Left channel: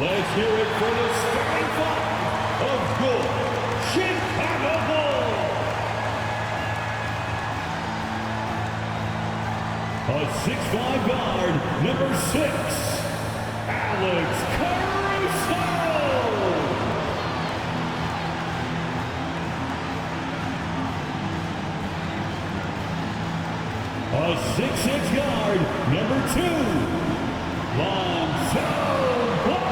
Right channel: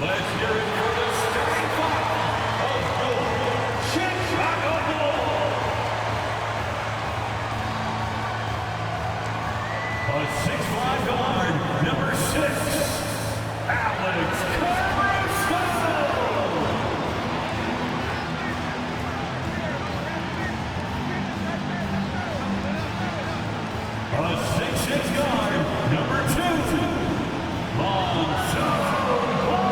Let's hear it for the starting five of your Chicago Bulls. A 6'5" guard, number 6, Alex Caruso. A 6'6" guard, number 2, Lonzo Ball.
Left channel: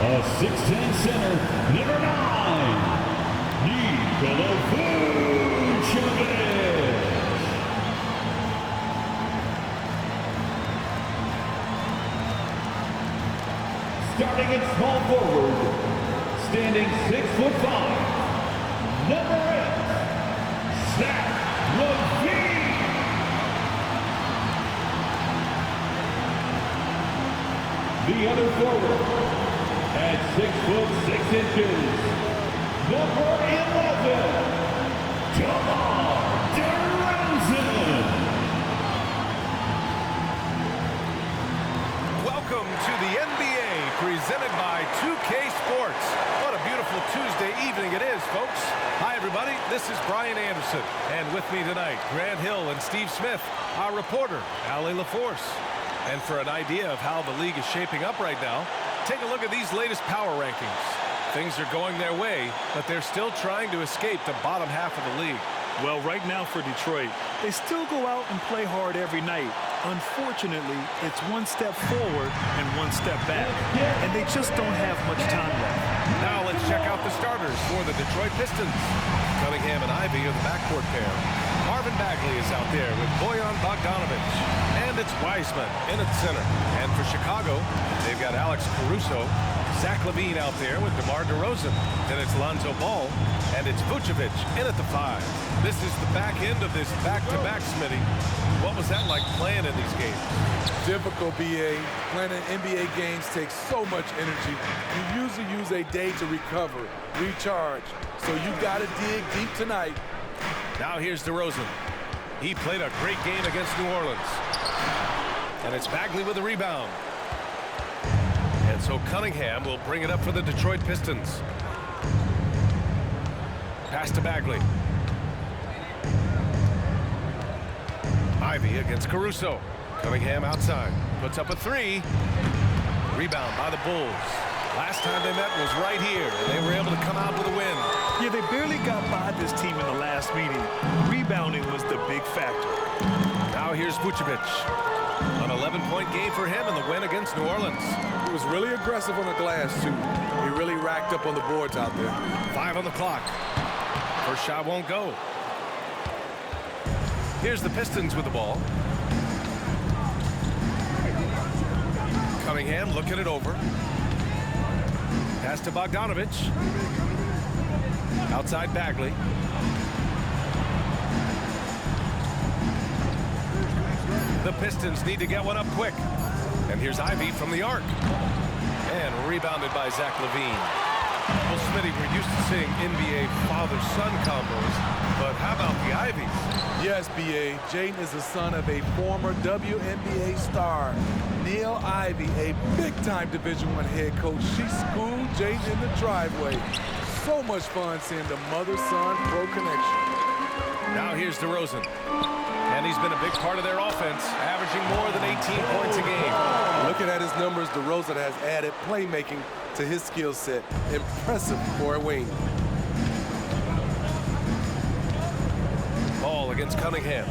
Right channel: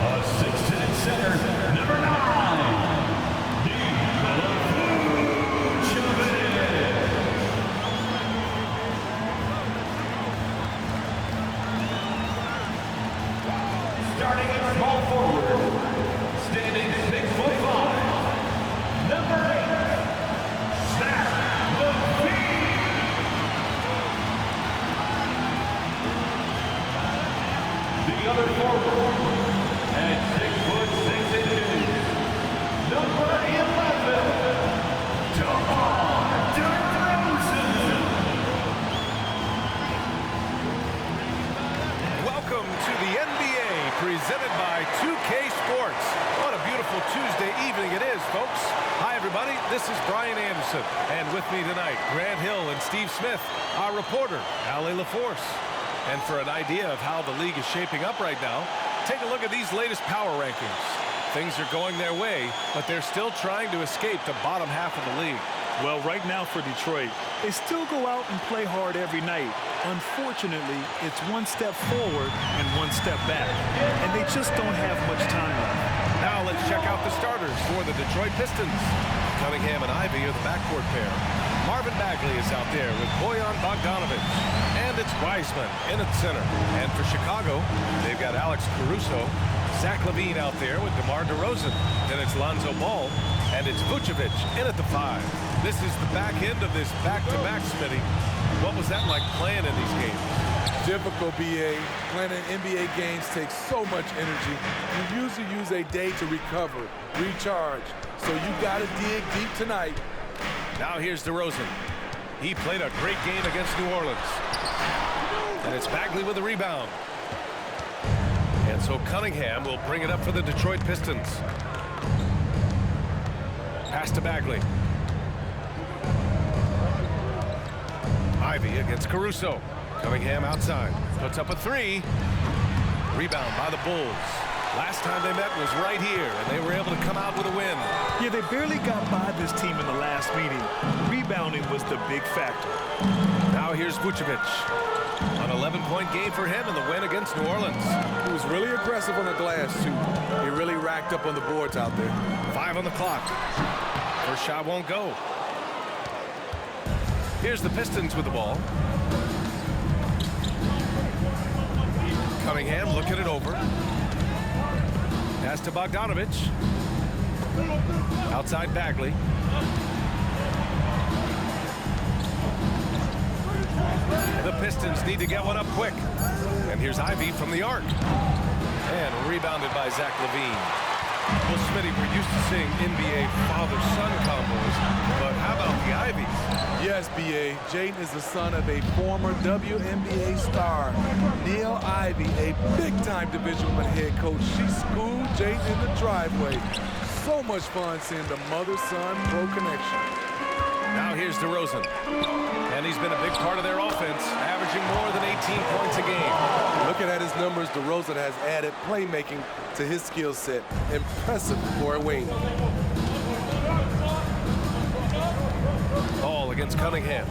A 6'10" center, number 9, Nikola Vucevic. Starting in small forward, standing 6'5", number 8, Zach LaVine. The other forward, at 6'6", number 11, DeMar DeRozan. Welcome to the NBA, presented by 2K Sports. What a beautiful Tuesday evening it is, folks. Hi, everybody. This is Brian Anderson. And with me tonight, Grant Hill and Steve Smith, our reporter, Allie LaForce. And for an idea of how the league is shaping up right now, take a look at these latest power rankings. Things are going their way, but they're still trying to escape the bottom half of the league. Well, right now for Detroit, they still go out and play hard every night. Unfortunately, it's one step forward and one step back, and they just don't have much time left. Now let's check out the starters for the Detroit Pistons. Cunningham and Ivy are the backcourt pair. Marvin Bagley is out there with Bojan Bogdanovic. And it's Wiseman in at center. And for Chicago, they've got Alex Caruso, Zach LaVine out there with DeMar DeRozan. Then it's Lonzo Ball, and it's Vucevic in at the 5. This is the back end of this back-to-back, Smitty. What was that like playing in these games? Difficult, BA. Playing in NBA games takes so much energy. You usually use a day to recover, recharge. So you got to dig deep tonight. Now here's DeRozan. He played a great game against New Orleans. And it's Bagley with the rebound. And so Cunningham will bring it up for the Detroit Pistons. Pass to Bagley. Ivy against Caruso. Cunningham outside. Puts up a 3. Rebound by the Bulls. Last time they met was right here, and they were able to come out with a win. Yeah, they barely got by this team in the last meeting. Rebounding was the big factor. Now here's Vucevic. An 11-point game for him in the win against New Orleans. He was really aggressive on the glass, too. He really racked up on the boards out there. 5 on the clock. First shot won't go. Here's the Pistons with the ball. Cunningham looking it over. Pass to Bogdanovic. Outside Bagley. The Pistons need to get one up quick. And here's Ivy from the arc. And rebounded by Zach LaVine. Well, Smitty, we're used to seeing NBA father-son combos, but how about the Ivies? Yes, BA. Jaden is the son of a former WNBA star, Neil Ivy, a big-time Division I head coach. She schooled Jaden in the driveway. So much fun seeing the mother-son pro connection. Now here's DeRozan. And he's been a big part of their offense, averaging more than 18 points a game. Looking at his numbers, DeRozan has added playmaking to his skill set. Impressive for a wing. Ball against Cunningham.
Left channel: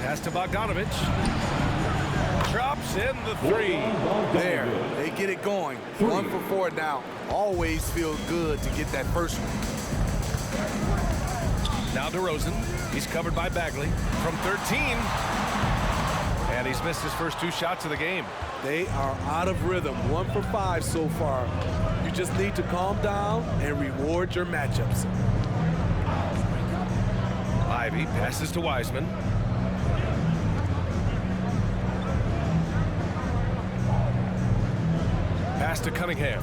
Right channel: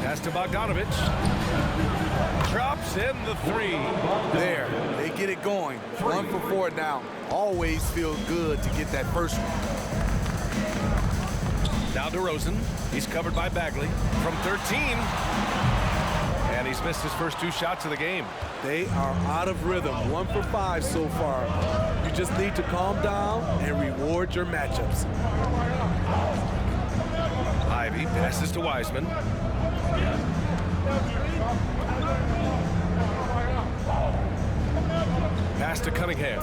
Pass to Bogdanovic. Drops in the 3. There, they get it going. 1 for 4 now. Always feels good to get that first one. Now DeRozan. He's covered by Bagley from 13. And he's missed his first 2 shots of the game. They are out of rhythm. 1 for 5 so far. You just need to calm down and reward your matchups. Ivy passes to Wiseman. Pass to Cunningham.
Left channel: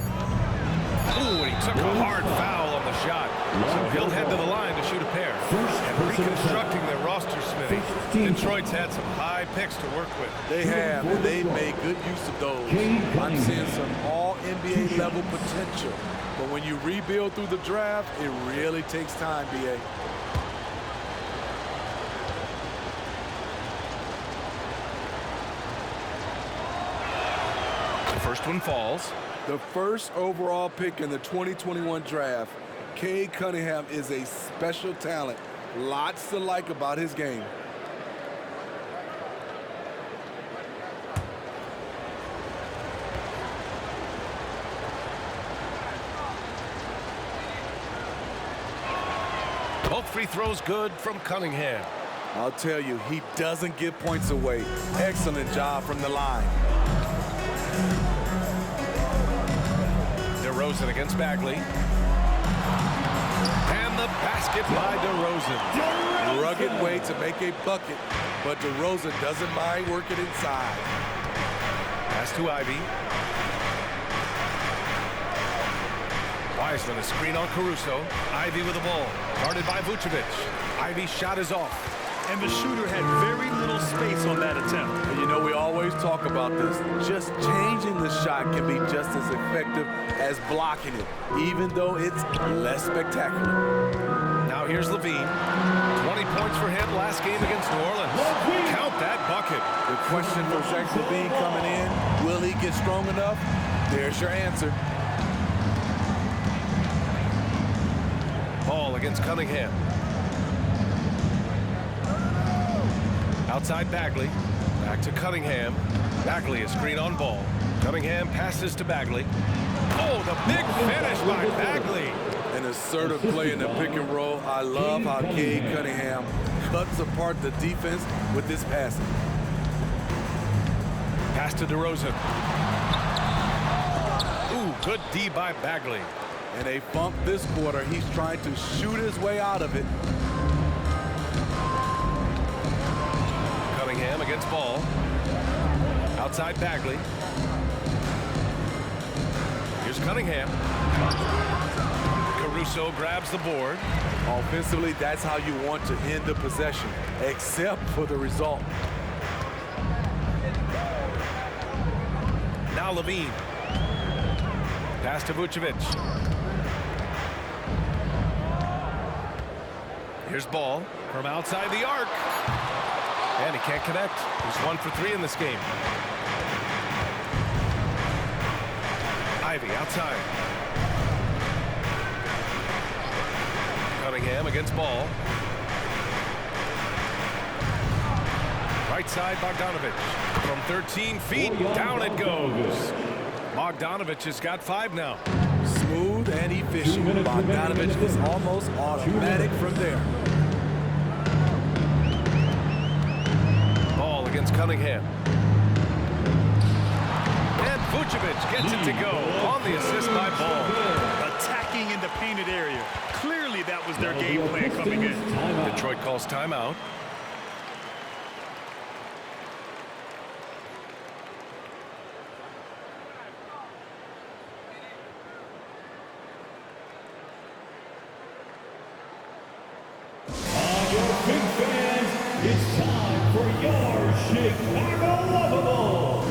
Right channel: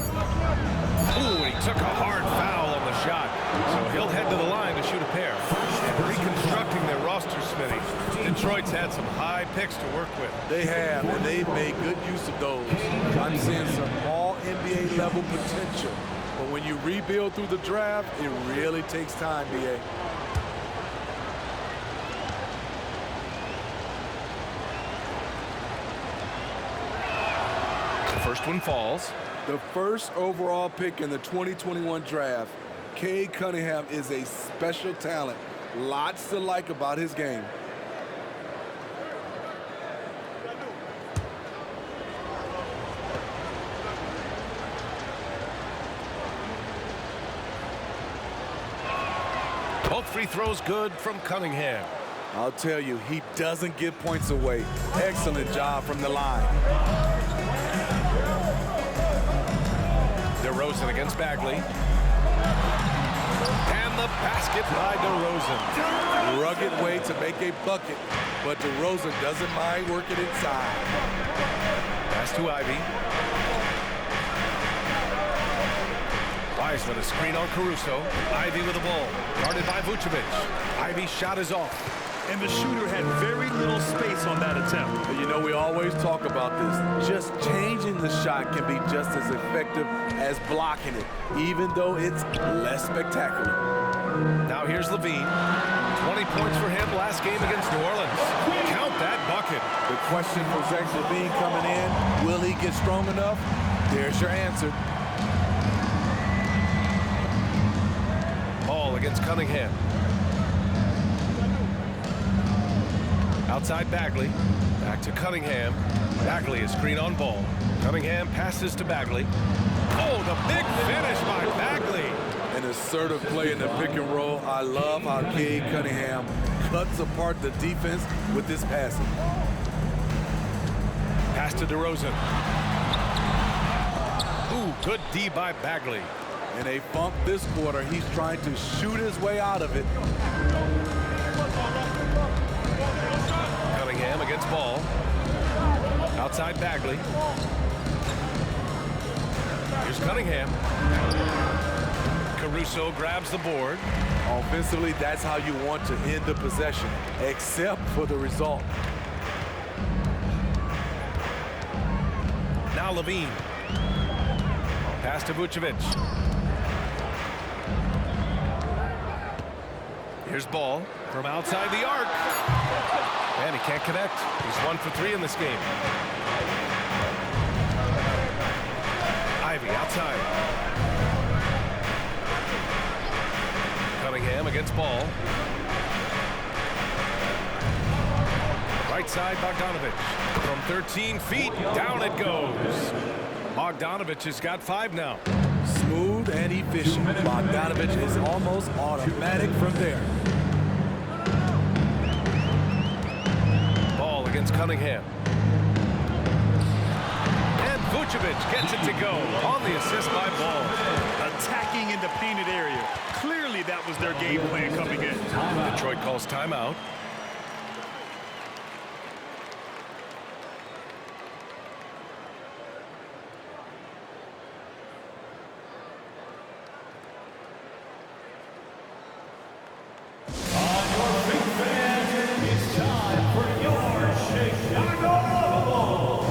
Ooh, and he took a hard foul on the shot. So he'll head to the line to shoot a pair. And reconstructing their roster, Smitty. Detroit's had some high picks to work with. They have, and they've made good use of those. I'm seeing some all-NBA level potential. But when you rebuild through the draft, it really takes time, B.A. The first one falls. The first overall pick in the 2021 draft, Cade Cunningham is a special talent. Lots to like about his game. Both free throws good from Cunningham. I'll tell you, he doesn't give points away. Excellent job from the line. DeRozan against Bagley. And the basket by DeRozan. Rugged way to make a bucket, but DeRozan doesn't mind working inside. Pass to Ivy. Wiseman, a screen on Caruso. Ivy with the ball. Guarded by Vucevic. Ivy's shot is off. And the shooter had very little space on that attempt. And you know, we always talk about this. Just changing the shot can be just as effective as blocking it, even though it's less spectacular. Now here's Levine. 20 points for him last game against New Orleans. Count that bucket. The question for Zach LaVine coming in, will he get strong enough? There's your answer. Ball against Cunningham. Outside Bagley. Back to Cunningham. Bagley is screen on ball. Cunningham passes to Bagley. Oh, the big finish by Bagley. An assertive play in the pick and roll. I love how Cade Cunningham cuts apart the defense with this passing. Pass to DeRozan. Ooh, good D by Bagley. In a funk this quarter, he's trying to shoot his way out of it. Cunningham against Ball. Outside Bagley. Here's Cunningham. Caruso grabs the board. Offensively, that's how you want to end the possession, except for the result. Now Levine. Pass to Vucevic. Here's Ball from outside the arc. And he can't connect. He's 1 for 3 in this game. Ivy outside. Cunningham against Ball. Right side, Bogdanovic. From 13 feet, down it goes. Bogdanovic has got 5 now. Smooth and efficient. Bogdanovic is almost automatic from there. Ball against Cunningham. And Vucevic gets it to go on the assist by Ball. Attacking in the painted area. Clearly that was their game plan coming in. Detroit calls timeout. On your big fans, it's time for your Chicago Lovables.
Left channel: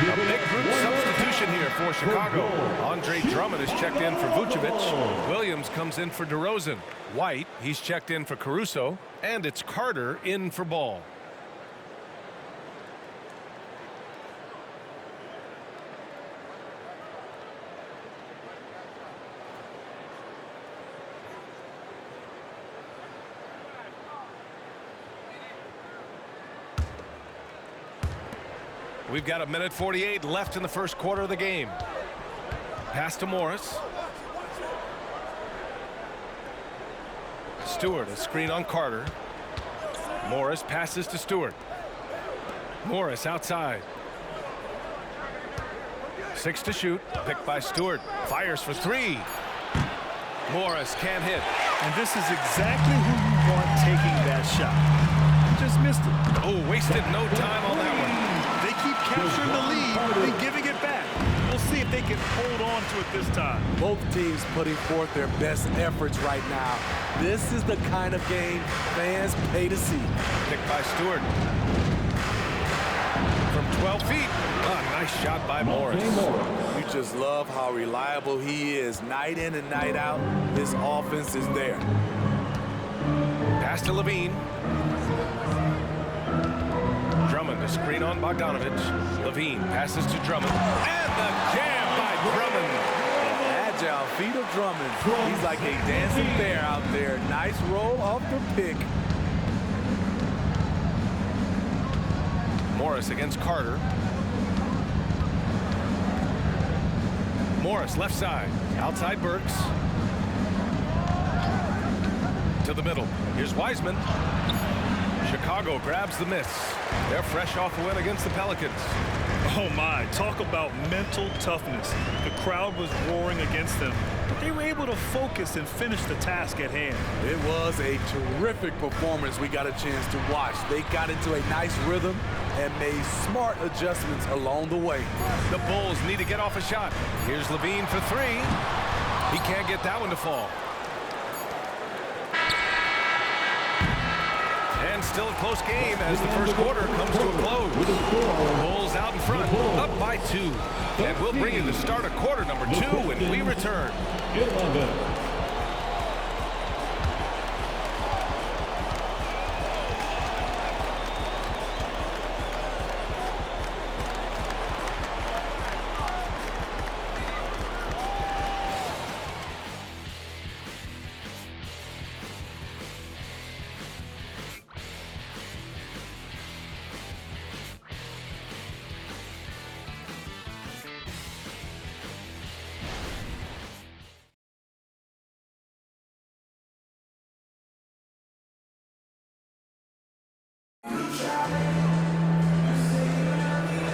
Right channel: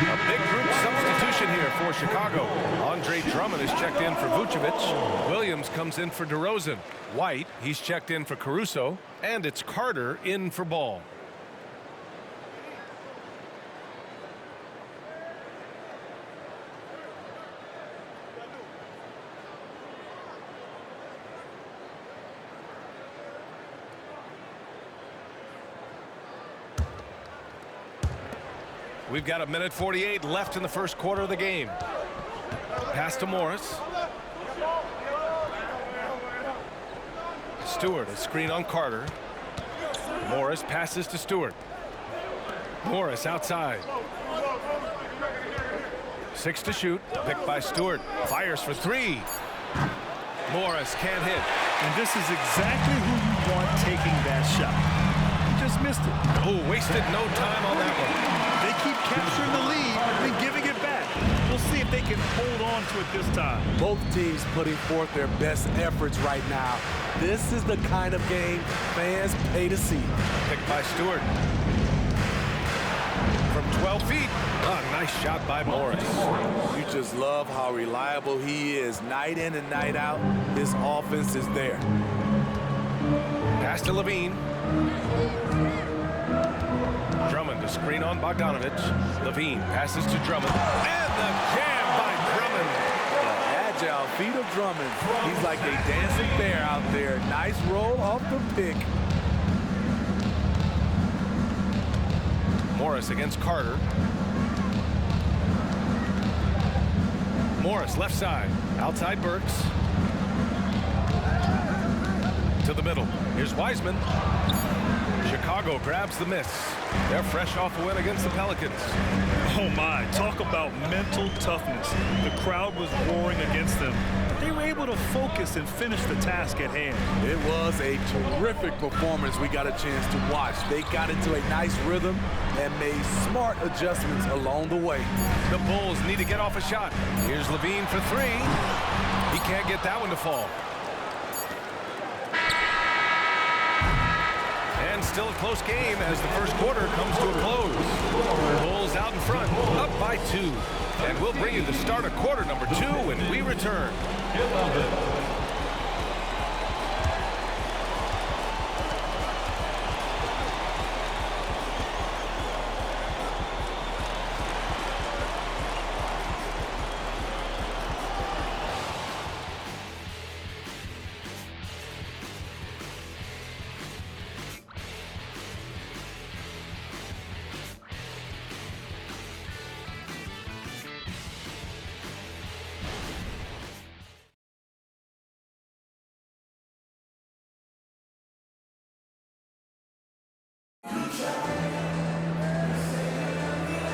A big group substitution here for Chicago. Andre Drummond is checked in for Vucevic. Williams comes in for DeRozan. White, he's checked in for Caruso. And it's Carter in for Ball. We've got 1:48 left in the first quarter of the game. Pass to Morris. Stewart, a screen on Carter. Morris passes to Stewart. Morris outside. 6 to shoot. Picked by Stewart. Fires for 3. Morris can't hit. And this is exactly who you want taking that shot. He just missed it. Oh, wasted no time on that one. They keep capturing the lead and giving it back. We'll see if they can hold on to it this time. Both teams putting forth their best efforts right now. This is the kind of game fans pay to see. Picked by Stewart. From 12 feet. A nice shot by Morris. You just love how reliable he is. Night in and night out, his offense is there. Pass to Levine. Drummond, a screen on Bogdanovich. Levine passes to Drummond. And the jam by Drummond. The agile feet of Drummond. He's like a dancing bear out there. Nice roll off the pick. Morris against Carter. Morris left side. Outside Burks. To the middle. Here's Wiseman. Chicago grabs the miss. They're fresh off a win against the Pelicans. Oh my, talk about mental toughness. The crowd was roaring against them, but they were able to focus and finish the task at hand. It was a terrific performance we got a chance to watch. They got into a nice rhythm and made smart adjustments along the way. The Bulls need to get off a shot. Here's Levine for 3. He can't get that one to fall. And still a close game as the first quarter comes to a close. Bulls out in front, up by 2. And we'll bring you the start of quarter number 2 when we return.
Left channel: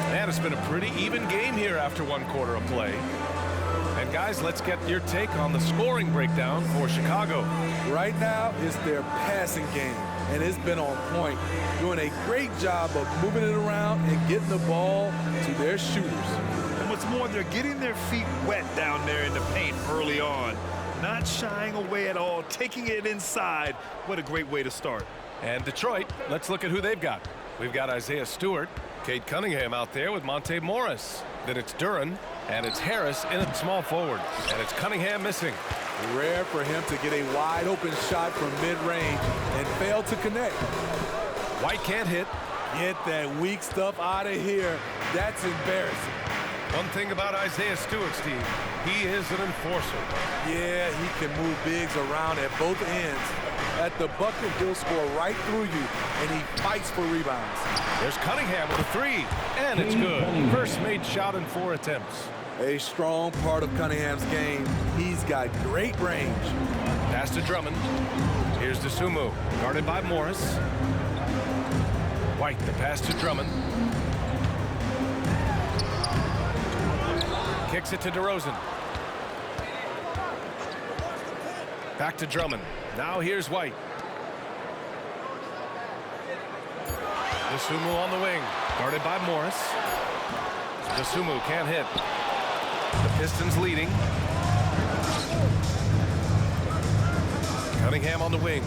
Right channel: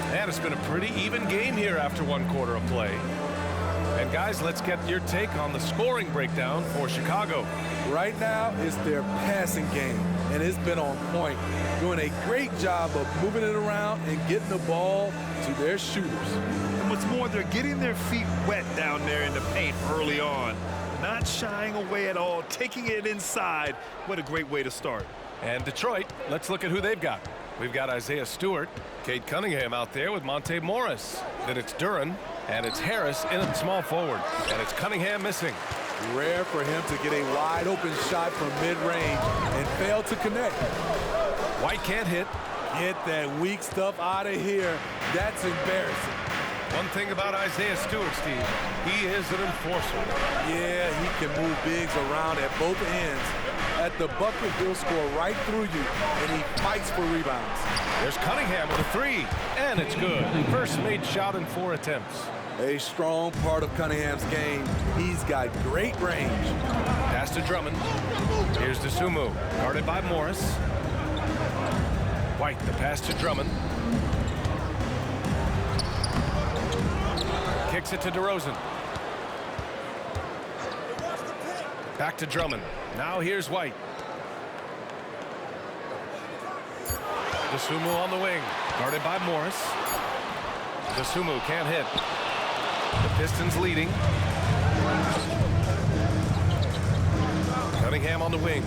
And it's been a pretty even game here after 1 quarter of play. And guys, let's get your take on the scoring breakdown for Chicago. Right now, it's their passing game, and it's been on point. Doing a great job of moving it around and getting the ball to their shooters. And what's more, they're getting their feet wet down there in the paint early on. Not shying away at all, taking it inside. What a great way to start. And Detroit, let's look at who they've got. We've got Isaiah Stewart, Cade Cunningham out there with Monte Morris. Then it's Duren, and it's Harris in at small forward. And it's Cunningham missing. Rare for him to get a wide open shot from mid-range and fail to connect. White can't hit. Get that weak stuff out of here. That's embarrassing. One thing about Isaiah Stewart, Steve, he is an enforcer. Yeah, he can move bigs around at both ends. At the bucket, he'll score right through you, and he fights for rebounds. There's Cunningham with a 3, and it's good. First made shot in 4 attempts. A strong part of Cunningham's game. He's got great range. Pass to Drummond. Here's DeSumo, guarded by Morris. White, the pass to Drummond. Kicks it to DeRozan. Back to Drummond. Now here's White. DeSumo on the wing, guarded by Morris. DeSumo can't hit. The Pistons leading. Cunningham on the wing.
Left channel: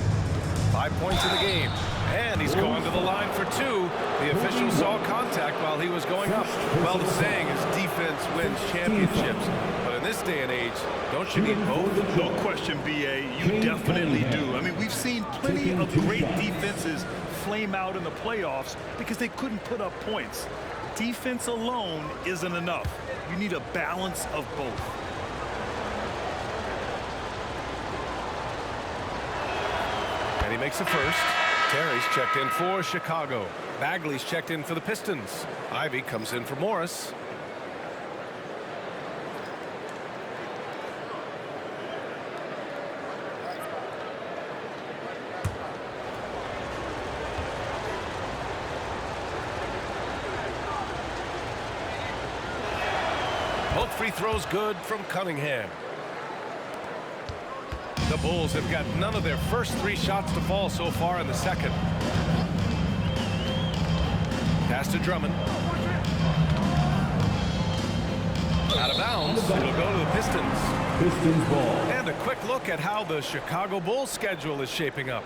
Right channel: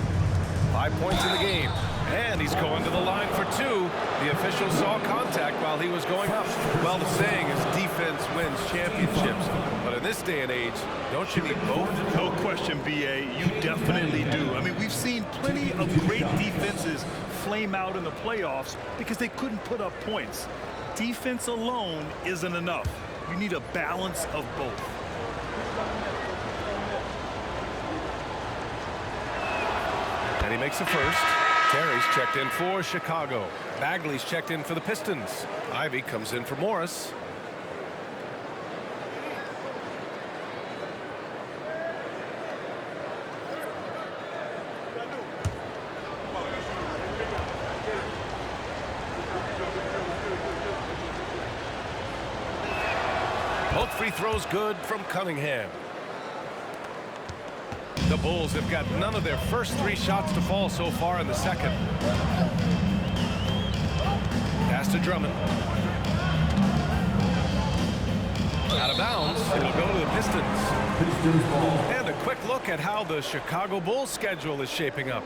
5 points in the game. And he's going to the line for two. The official saw contact while he was going up. Well, the saying is defense wins championships. But in this day and age, don't you need both? No question, B.A. You definitely do. I mean, we've seen plenty of great defenses flame out in the playoffs because they couldn't put up points. Defense alone isn't enough. You need a balance of both. And he makes a first. Terry's checked in for Chicago. Bagley's checked in for the Pistons. Ivy comes in for Morris. Both free throws good from Cunningham. The Bulls have got none of their first three shots to fall so far in the second. Pass to Drummond. Out of bounds. It'll go to the Pistons. Pistons ball. And a quick look at how the Chicago Bulls schedule is shaping up.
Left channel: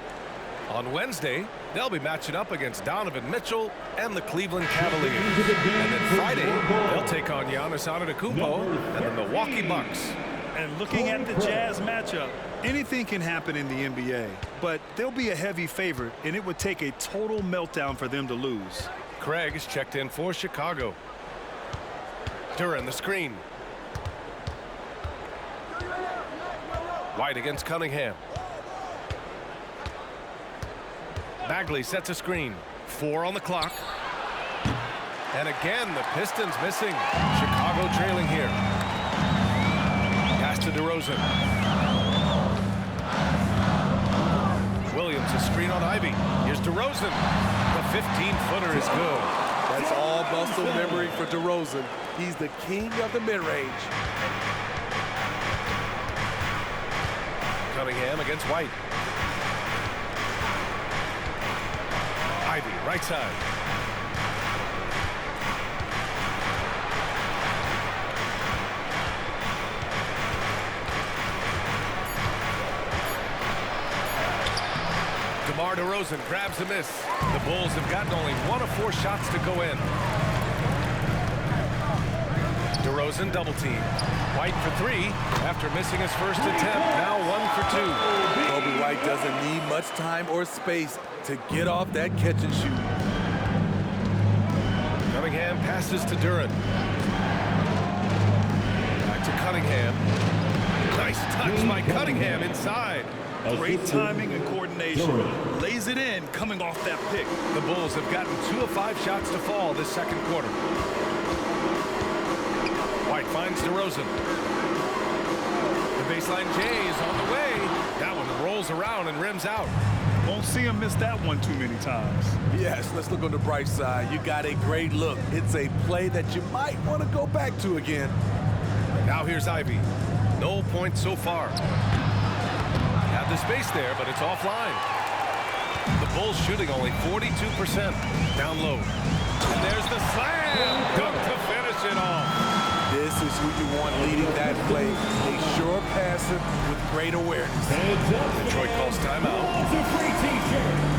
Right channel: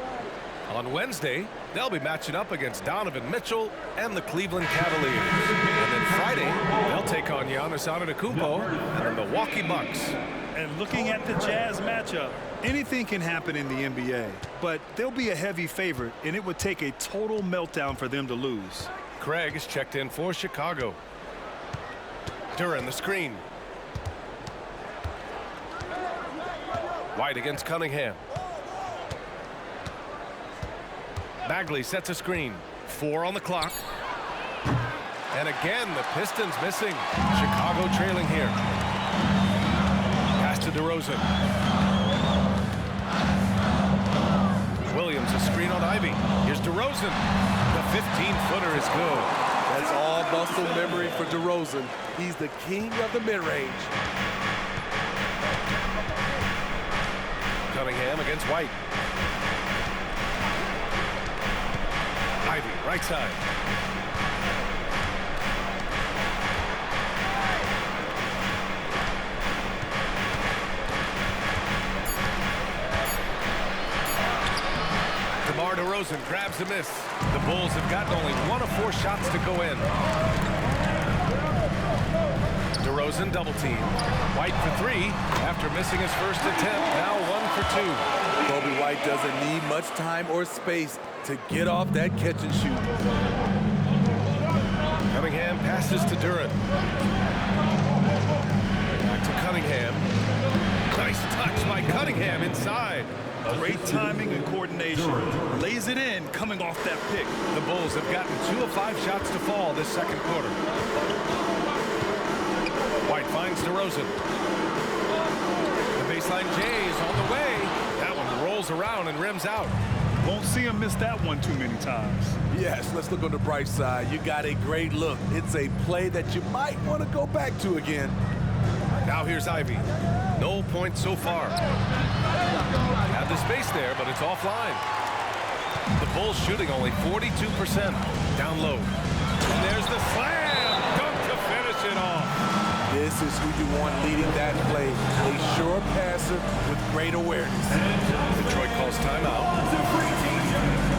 On Wednesday, they'll be matching up against Donovan Mitchell and the Cleveland Cavaliers. And then Friday, they'll take on Giannis Antetokounmpo and the Milwaukee Bucks. And looking at the Jazz matchup, anything can happen in the NBA, but they'll be a heavy favorite, and it would take a total meltdown for them to lose. Craig is checked in for Chicago. Duran the screen. White against Cunningham. Bagley sets a screen. 4 on the clock. And again, the Pistons missing. Chicago trailing here. Pass to DeRozan. Williams, a screen on Ivy. Here's DeRozan. The 15-footer is good. That's all muscle memory for DeRozan. He's the king of the mid-range. Cunningham against White. Ivy, right side. DeMar DeRozan grabs a miss. The Bulls have gotten only 1 of 4 shots to go in. DeRozan double team. White for 3 after missing his first attempt. Now 1 for 2. Kobe White doesn't need much time or space to get off that catch and shoot. Cunningham passes to Duran. Back to Cunningham. Nice touch by Cunningham inside. Great timing and coordination. Lays it in coming off that pick. The Bulls have gotten 2 of 5 shots to fall this second quarter. White finds DeRozan. The baseline J is on the way. That one rolls around and rims out. Won't see him miss that one too many times. Yes, let's look on the bright side. You got a great look. It's a play that you might want to go back to again. Now here's Ivy. No points so far. Had the space there, but it's offline. The Bulls shooting only 42%. Down low. And there's the slam dunk to finish it off. This is who you want leading that play. A sure passer with great awareness. Detroit calls timeout. It's a free t-shirt.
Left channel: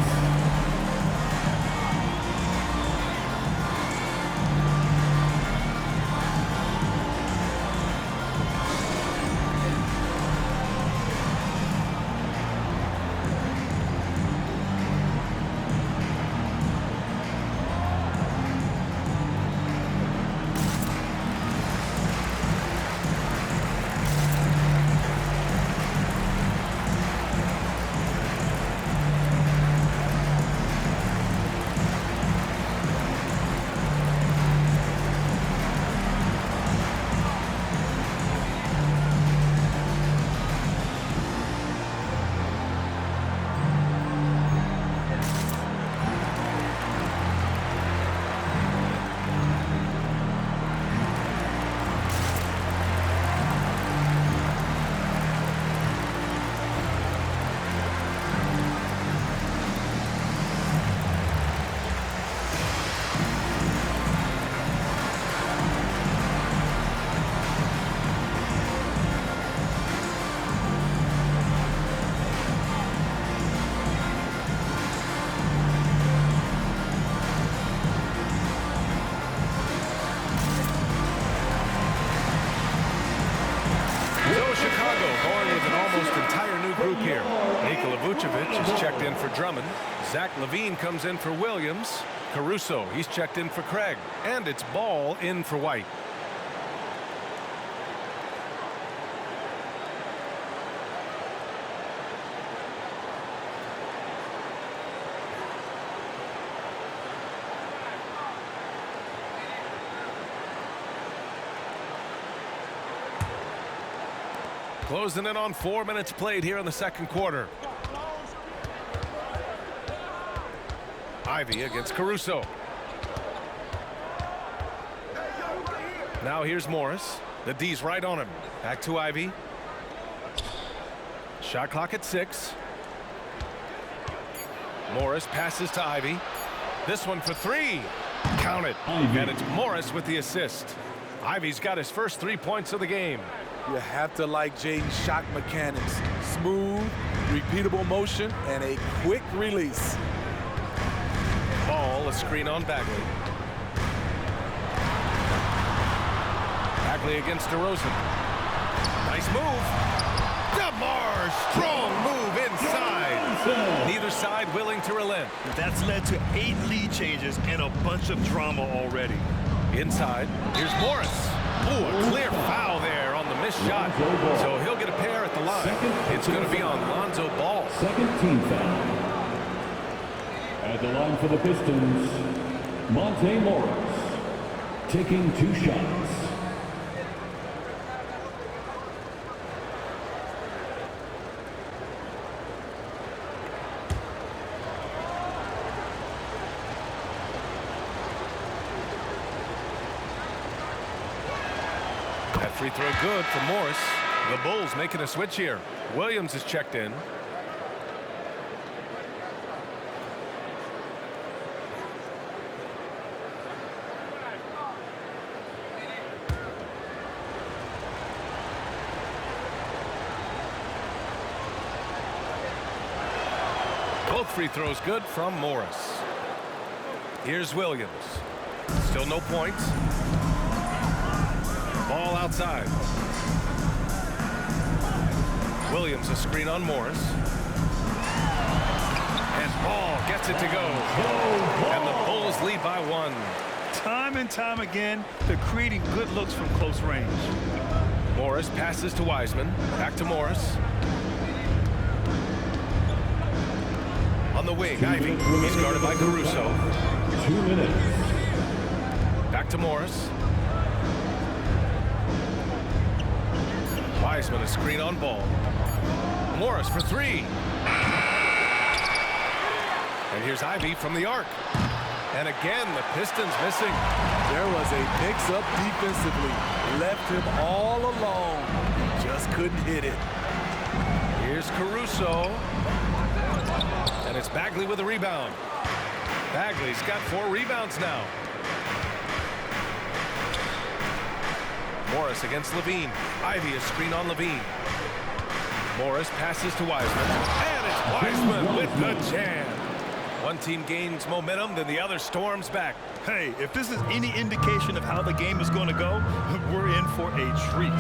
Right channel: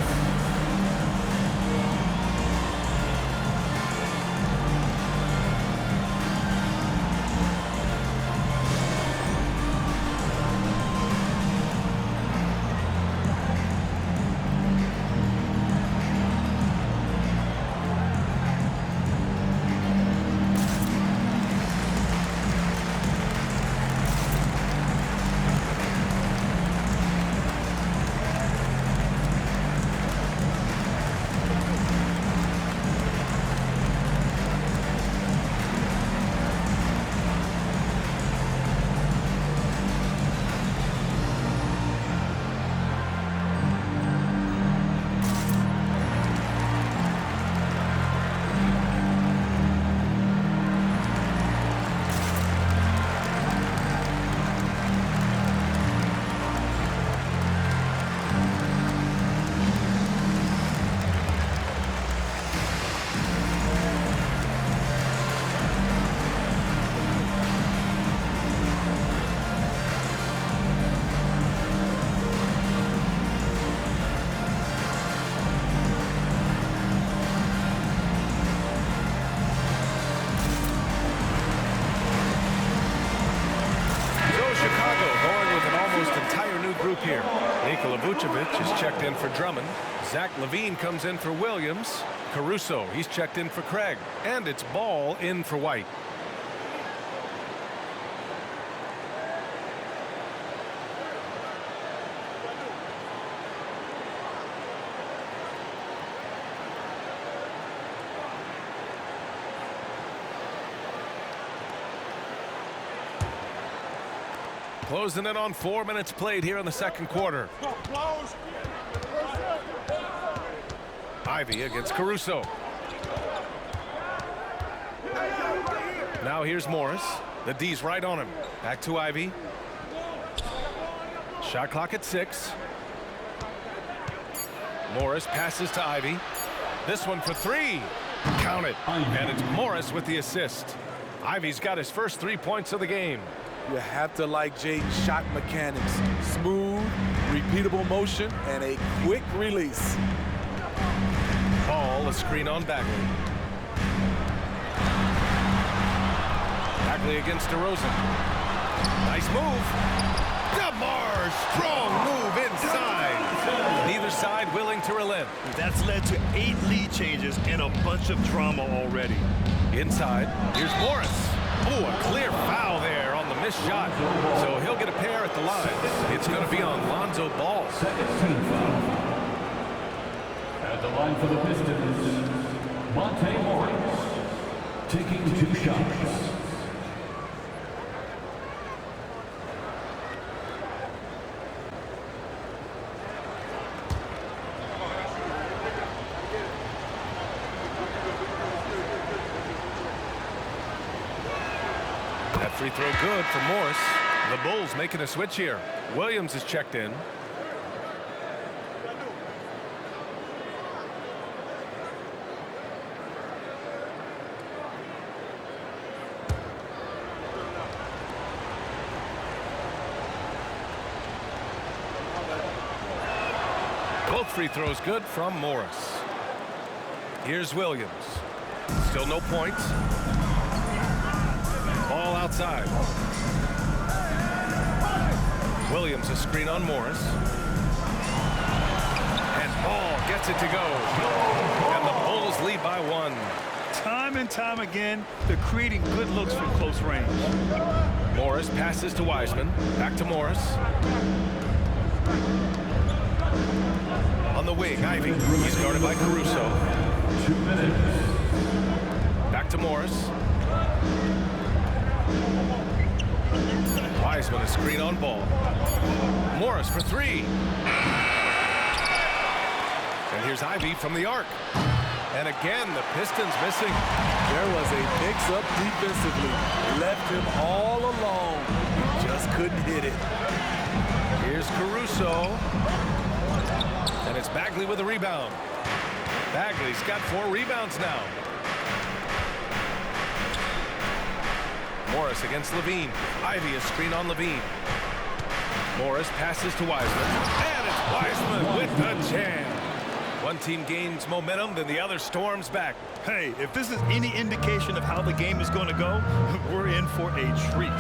Chicago going with an almost entire new group here. Nikola Vucevic is checked in for Drummond. Zach LaVine comes in for Williams. Caruso, he's checked in for Craig. And it's Ball in for White. Closing in on 4 minutes played here in the second quarter. Ivy against Caruso. Now here's Morris. The D's right on him. Back to Ivy. Shot clock at 6. Morris passes to Ivy. This one for 3. Count it. And it's Morris with the assist. Ivy's got his first 3 points of the game. You have to like Jaden's shot mechanics. Smooth, repeatable motion, and a quick release. Ball, a screen on Bagley. Bagley against DeRozan. Nice move. DeMar, strong move inside. Neither side willing to relent. That's led to 8 lead changes and a bunch of drama already. Inside, here's Morris. Ooh, a clear foul there on the missed shot. So he'll get a pair at the line. It's going to be on Lonzo Ball. Second team foul. At the line for the Pistons, Monte Morris, taking 2 shots. That free throw good for Morris. The Bulls making a switch here. Williams is checked in. Both free throws good from Morris. Here's Williams. Still no points. Ball outside. Williams a screen on Morris. And Ball gets it to go. And the Bulls lead by 1. Time and time again, they're creating good looks from close range. Morris passes to Wiseman. Back to Morris. On the wing, Ivy. He's guarded by Caruso. 2 minutes. Back to Morris. Wiseman a screen on Ball. Morris for 3. And here's Ivy from the arc. And again, the Pistons missing. There was a mix-up defensively. Left him all alone. He just couldn't hit it. Here's Caruso. And it's Bagley with a rebound. Bagley's got 4 rebounds now. Morris against LaVine. Ivy a screen on LaVine. Morris passes to Wiseman. And it's Wiseman with the jam. One team gains momentum, then the other storms back. Hey, if this is any indication of how the game is going to go, we're in for a treat.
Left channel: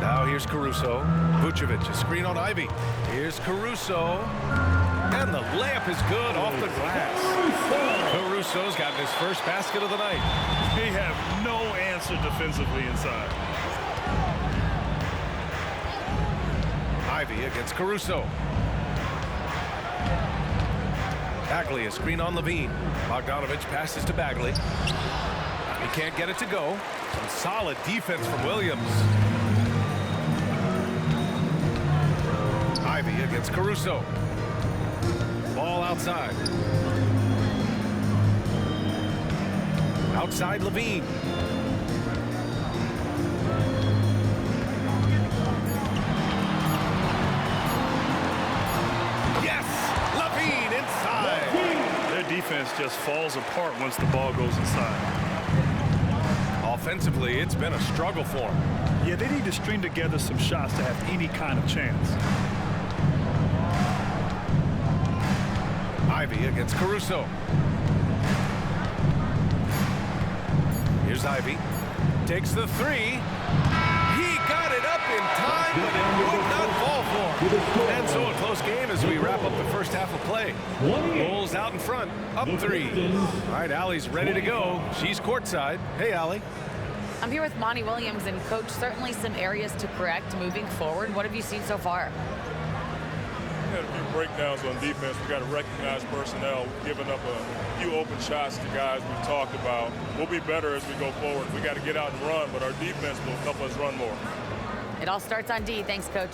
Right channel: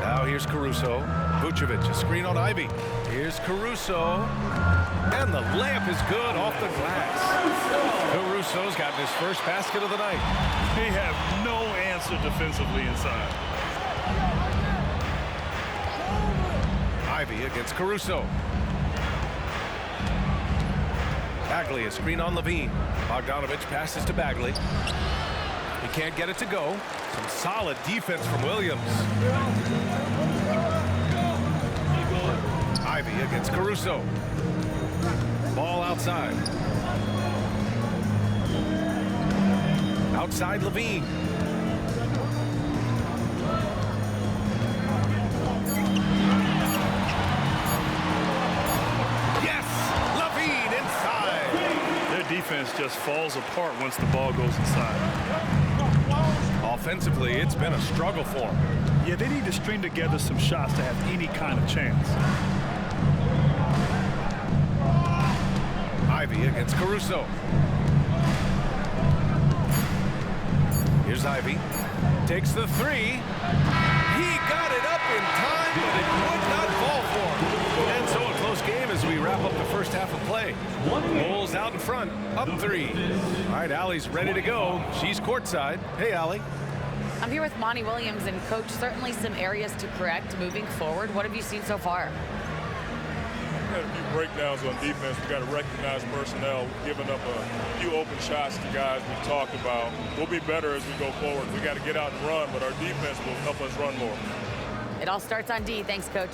Now here's Caruso. Vucevic a screen on Ivy. Here's Caruso. And the layup is good off the glass. Caruso's gotten his first basket of the night. They have no answer defensively inside. Ivy against Caruso. Bagley a screen on LaVine. Bogdanovich passes to Bagley. He can't get it to go. Some solid defense from Williams. Ivy against Caruso. Ball outside. Outside LaVine. Yes! LaVine inside. Their defense just falls apart once the ball goes inside. Offensively, it's been a struggle for them. Yeah, they need to string together some shots to have any kind of chance. Ivy against Caruso. Here's Ivy. Takes the 3. He got it up in time, but it would not fall for him. And so a close game as we wrap up the first half of play. Bulls out in front, up 3. All right, Allie's ready to go. She's courtside. Hey, Allie. I'm here with Monty Williams, and Coach, certainly some areas to correct moving forward. What have you seen so far? We had a few breakdowns on defense. We got to recognize personnel, giving up a few open shots to guys we talked about. We'll be better as we go forward. We got to get out and run, but our defense will help us run more. It all starts on D. Thanks, Coach.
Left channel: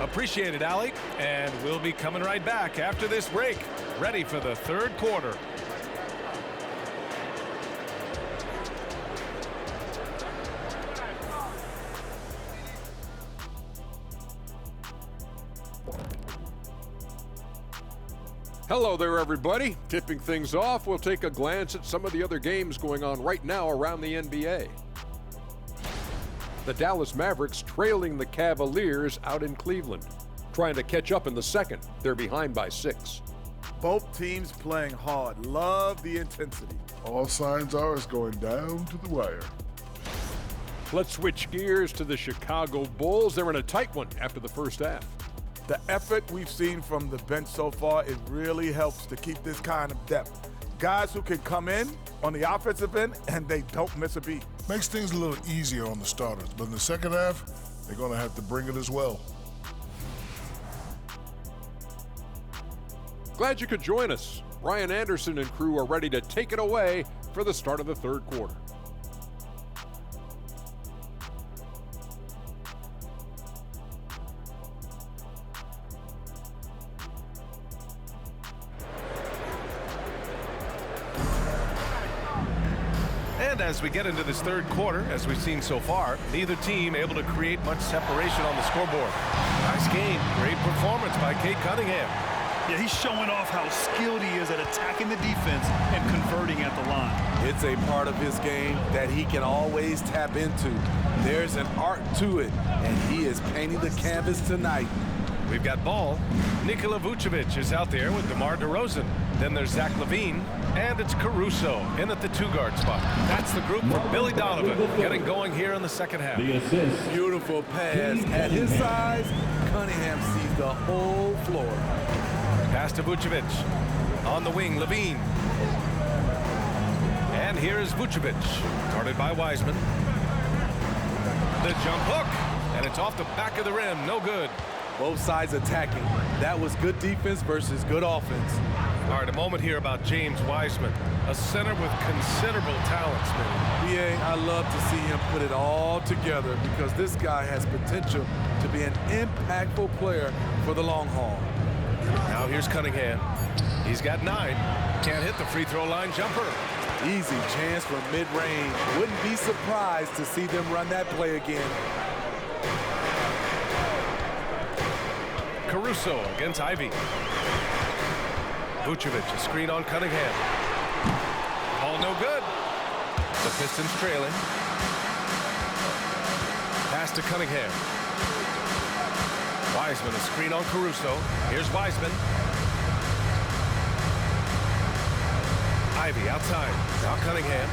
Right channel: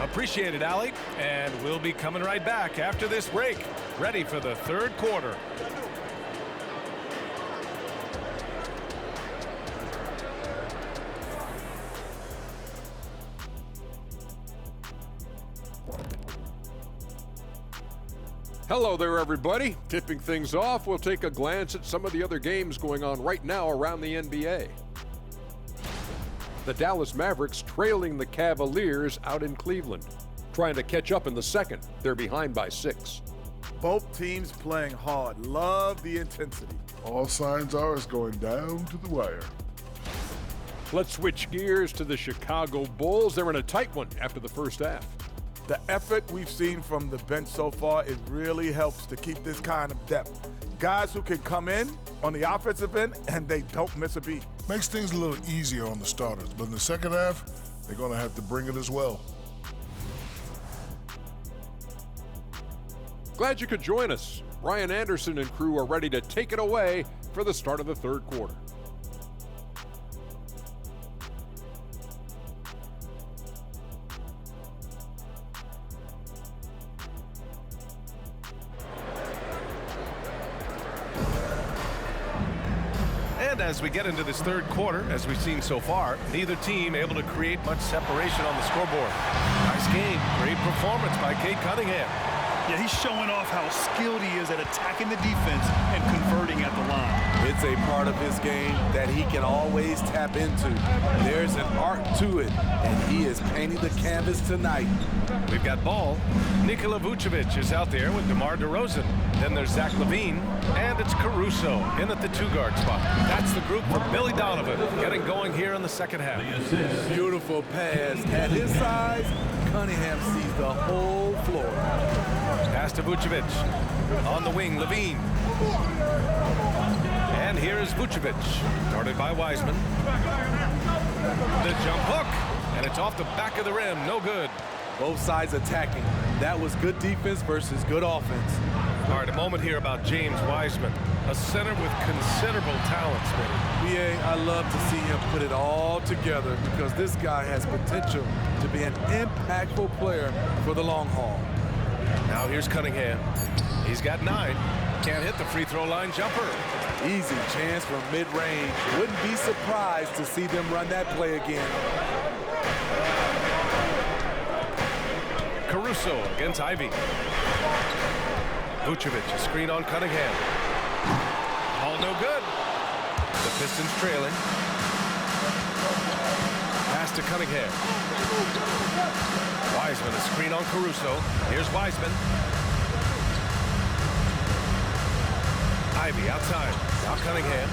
Appreciate it, Allie. And we'll be coming right back after this break, ready for the third quarter. Hello there, everybody. Tipping things off, we'll take a glance at some of the other games going on right now around the NBA. The Dallas Mavericks trailing the Cavaliers out in Cleveland. Trying to catch up in the second. They're behind by 6. Both teams playing hard. Love the intensity. All signs are it's going down to the wire. Let's switch gears to the Chicago Bulls. They're in a tight one after the first half. The effort we've seen from the bench so far, it really helps to keep this kind of depth. Guys who can come in on the offensive end and they don't miss a beat. Makes things a little easier on the starters, but in the second half, they're going to have to bring it as well. Glad you could join us. Ryan Anderson and crew are ready to take it away for the start of the third quarter. And as we get into this third quarter, as we've seen so far, neither team able to create much separation on the scoreboard. Nice game. Great performance by Cade Cunningham. Yeah, he's showing off how skilled he is at attacking the defense and converting at the line. It's a part of his game that he can always tap into. There's an art to it, and he is painting the canvas tonight. We've got ball. Nikola Vucevic is out there with DeMar DeRozan. Then there's Zach LaVine, and it's Caruso in at the 2-guard spot. That's the group for Billy Donovan getting going here in the second half. The assist. Beautiful pass. At his size, Cunningham sees the whole floor. Pass to Vucevic. On the wing, LaVine. And here is Vucevic, guarded by Wiseman. The jump hook, and it's off the back of the rim. No good. Both sides attacking. That was good defense versus good offense. All right, a moment here about James Wiseman, a center with considerable talent, Smitty. BA, I love to see him put it all together because this guy has potential to be an impactful player for the long haul. Now here's Cunningham. He's got 9. Can't hit the free throw line jumper. Easy chance from mid-range. Wouldn't be surprised to see them run that play again. Caruso against Ivy. Vucevic, a screen on Cunningham. All no good. The Pistons trailing. Pass to Cunningham. Wiseman, a screen on Caruso. Here's Wiseman. Ivy outside. Now Cunningham.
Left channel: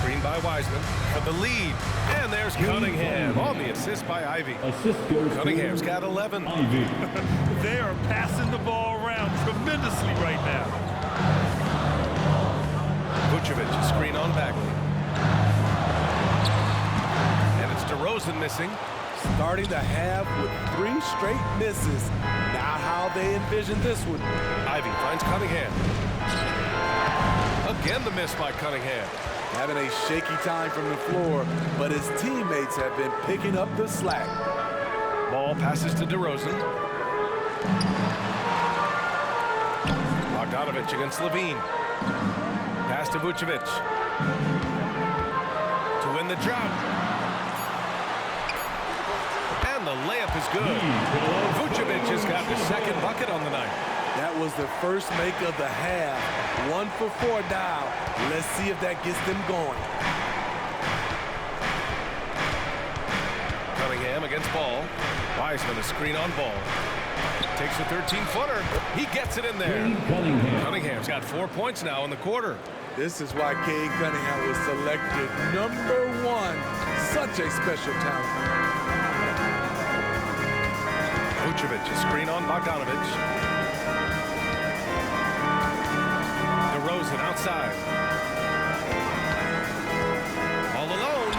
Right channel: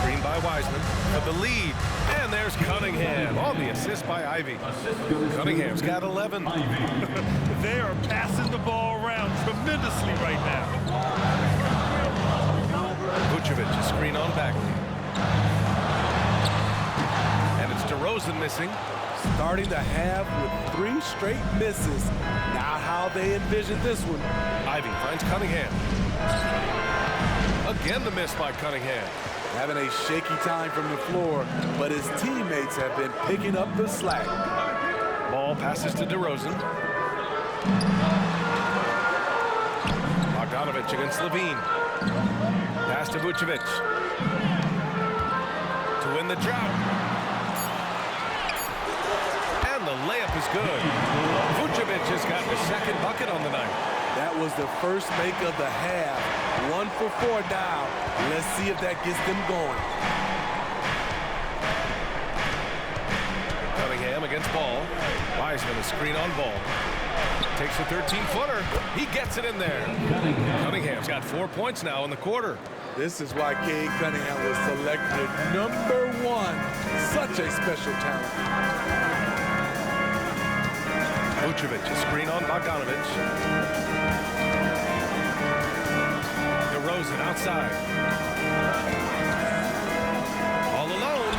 Screen by Wiseman for the lead. And there's Cunningham on the assist by Ivy. Assist goes Cunningham's to got 11. Ivy. They are passing the ball around tremendously right now. Vucevic, a screen on Bagley. And it's DeRozan missing. Starting the half with 3 straight misses. Now how they envision this one. Ivy finds Cunningham. Again the miss by Cunningham. Having a shaky time from the floor, but his teammates have been picking up the slack. Ball passes to DeRozan. Bogdanovich against LaVine. Pass to Vucevic. To win the drought. And the layup is good. Vucevic has got the second bucket on the night. That was the first make of the half. 1 for 4 now. Let's see if that gets them going. Cunningham against Ball. Wiseman, a screen on Ball. Takes a 13-footer. He gets it in there. Cunningham. Cunningham's got 4 points now in the quarter. This is why Cade Cunningham was selected #1. Such a special talent. Vucevic, a screen on Bogdanovic. DeRozan outside. All alone.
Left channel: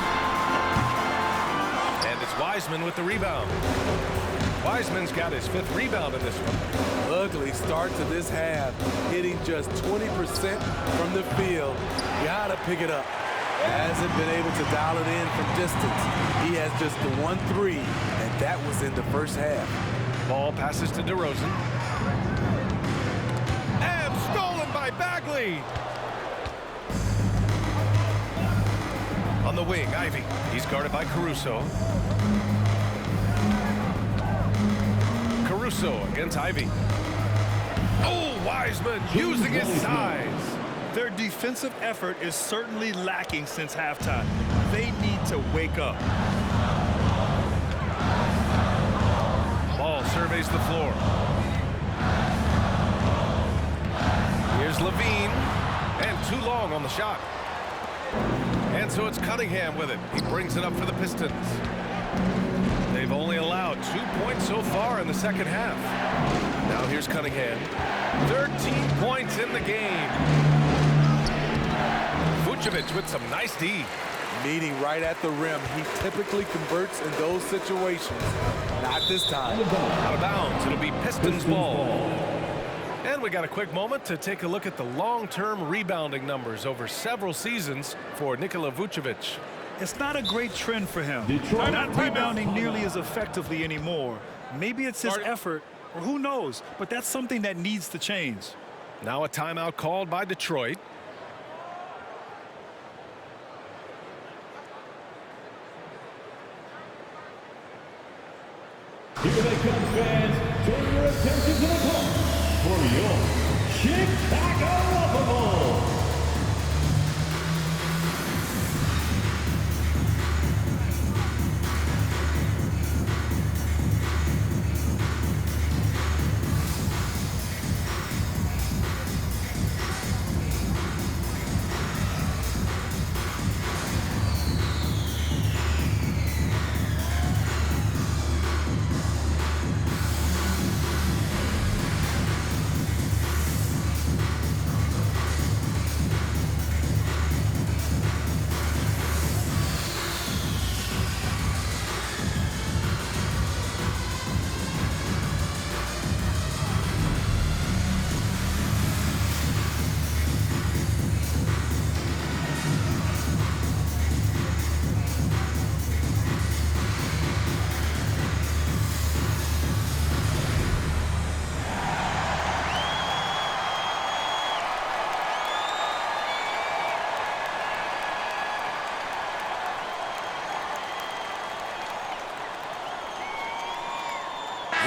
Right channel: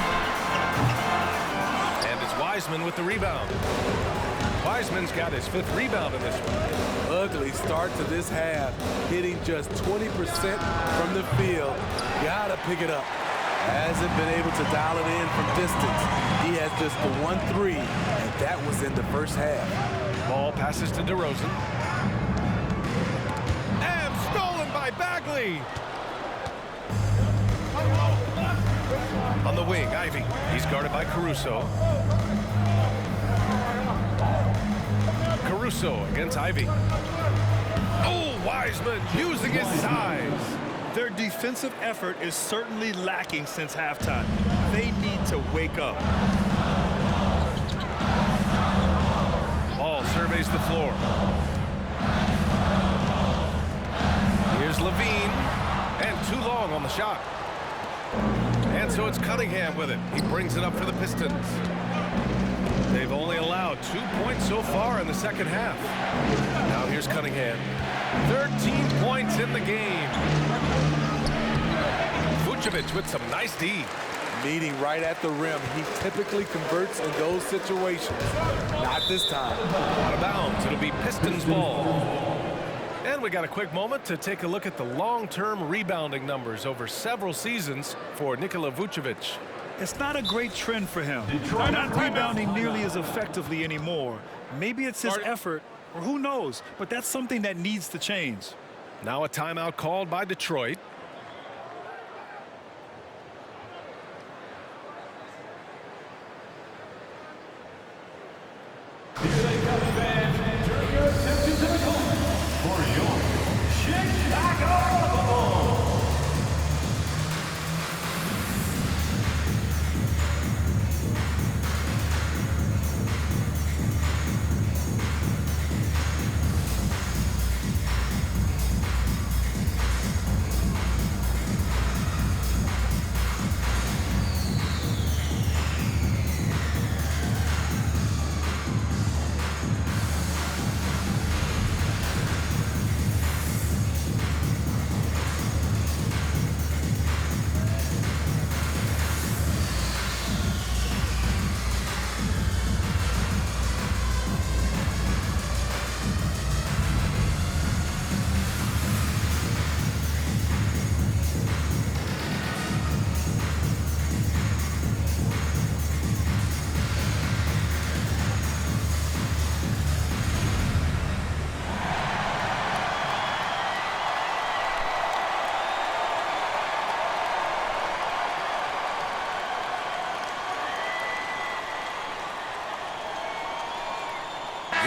And it's Wiseman with the rebound. Wiseman's got his 5th rebound in this one. Ugly start to this half, hitting just 20% from the field. Gotta pick it up. Hasn't been able to dial it in from distance. He has just the 1 3, and that was in the first half. Ball passes to DeRozan. And stolen by Bagley. On the wing, Ivy. He's guarded by Caruso. Caruso against Ivy. Oh, Wiseman using his size. Their defensive effort is certainly lacking since halftime. They need to wake up. Ball surveys the floor. Here's Levine. And too long on the shot. And so it's Cunningham with it. He brings it up for the Pistons. They've only allowed 2 points so far in the second half. Now here's Cunningham. 13 points in the game. Vucevic with some nice D. Meeting right at the rim. He typically converts in those situations. Not this time. Out of bounds. It'll be Pistons ball. And we got a quick moment to take a look at the long-term rebounding numbers over several seasons for Nikola Vucevic. It's not a great trend for him. Not rebounding nearly as effectively anymore. Maybe it's his effort, or who knows, but that's something that needs to change. Now a timeout called by Detroit. Here they come, fans. Turn your attention to the court for your Chicago Bulls.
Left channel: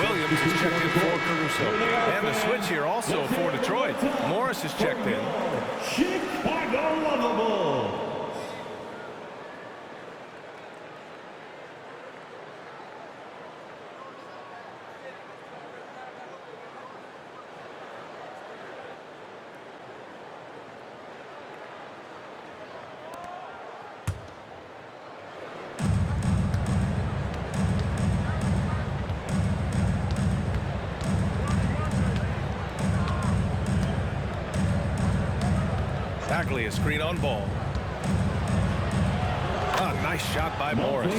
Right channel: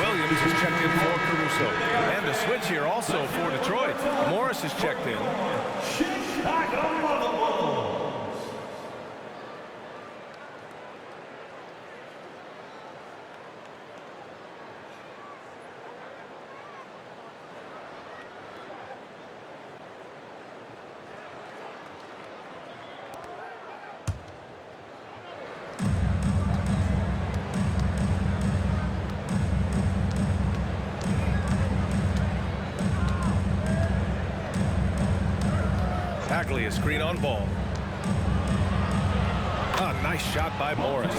Williams is checked in for Caruso. And a switch here also for Detroit. Morris is checked in. Chicago Bulls. Bagley, a screen on Ball. A nice shot by Morris.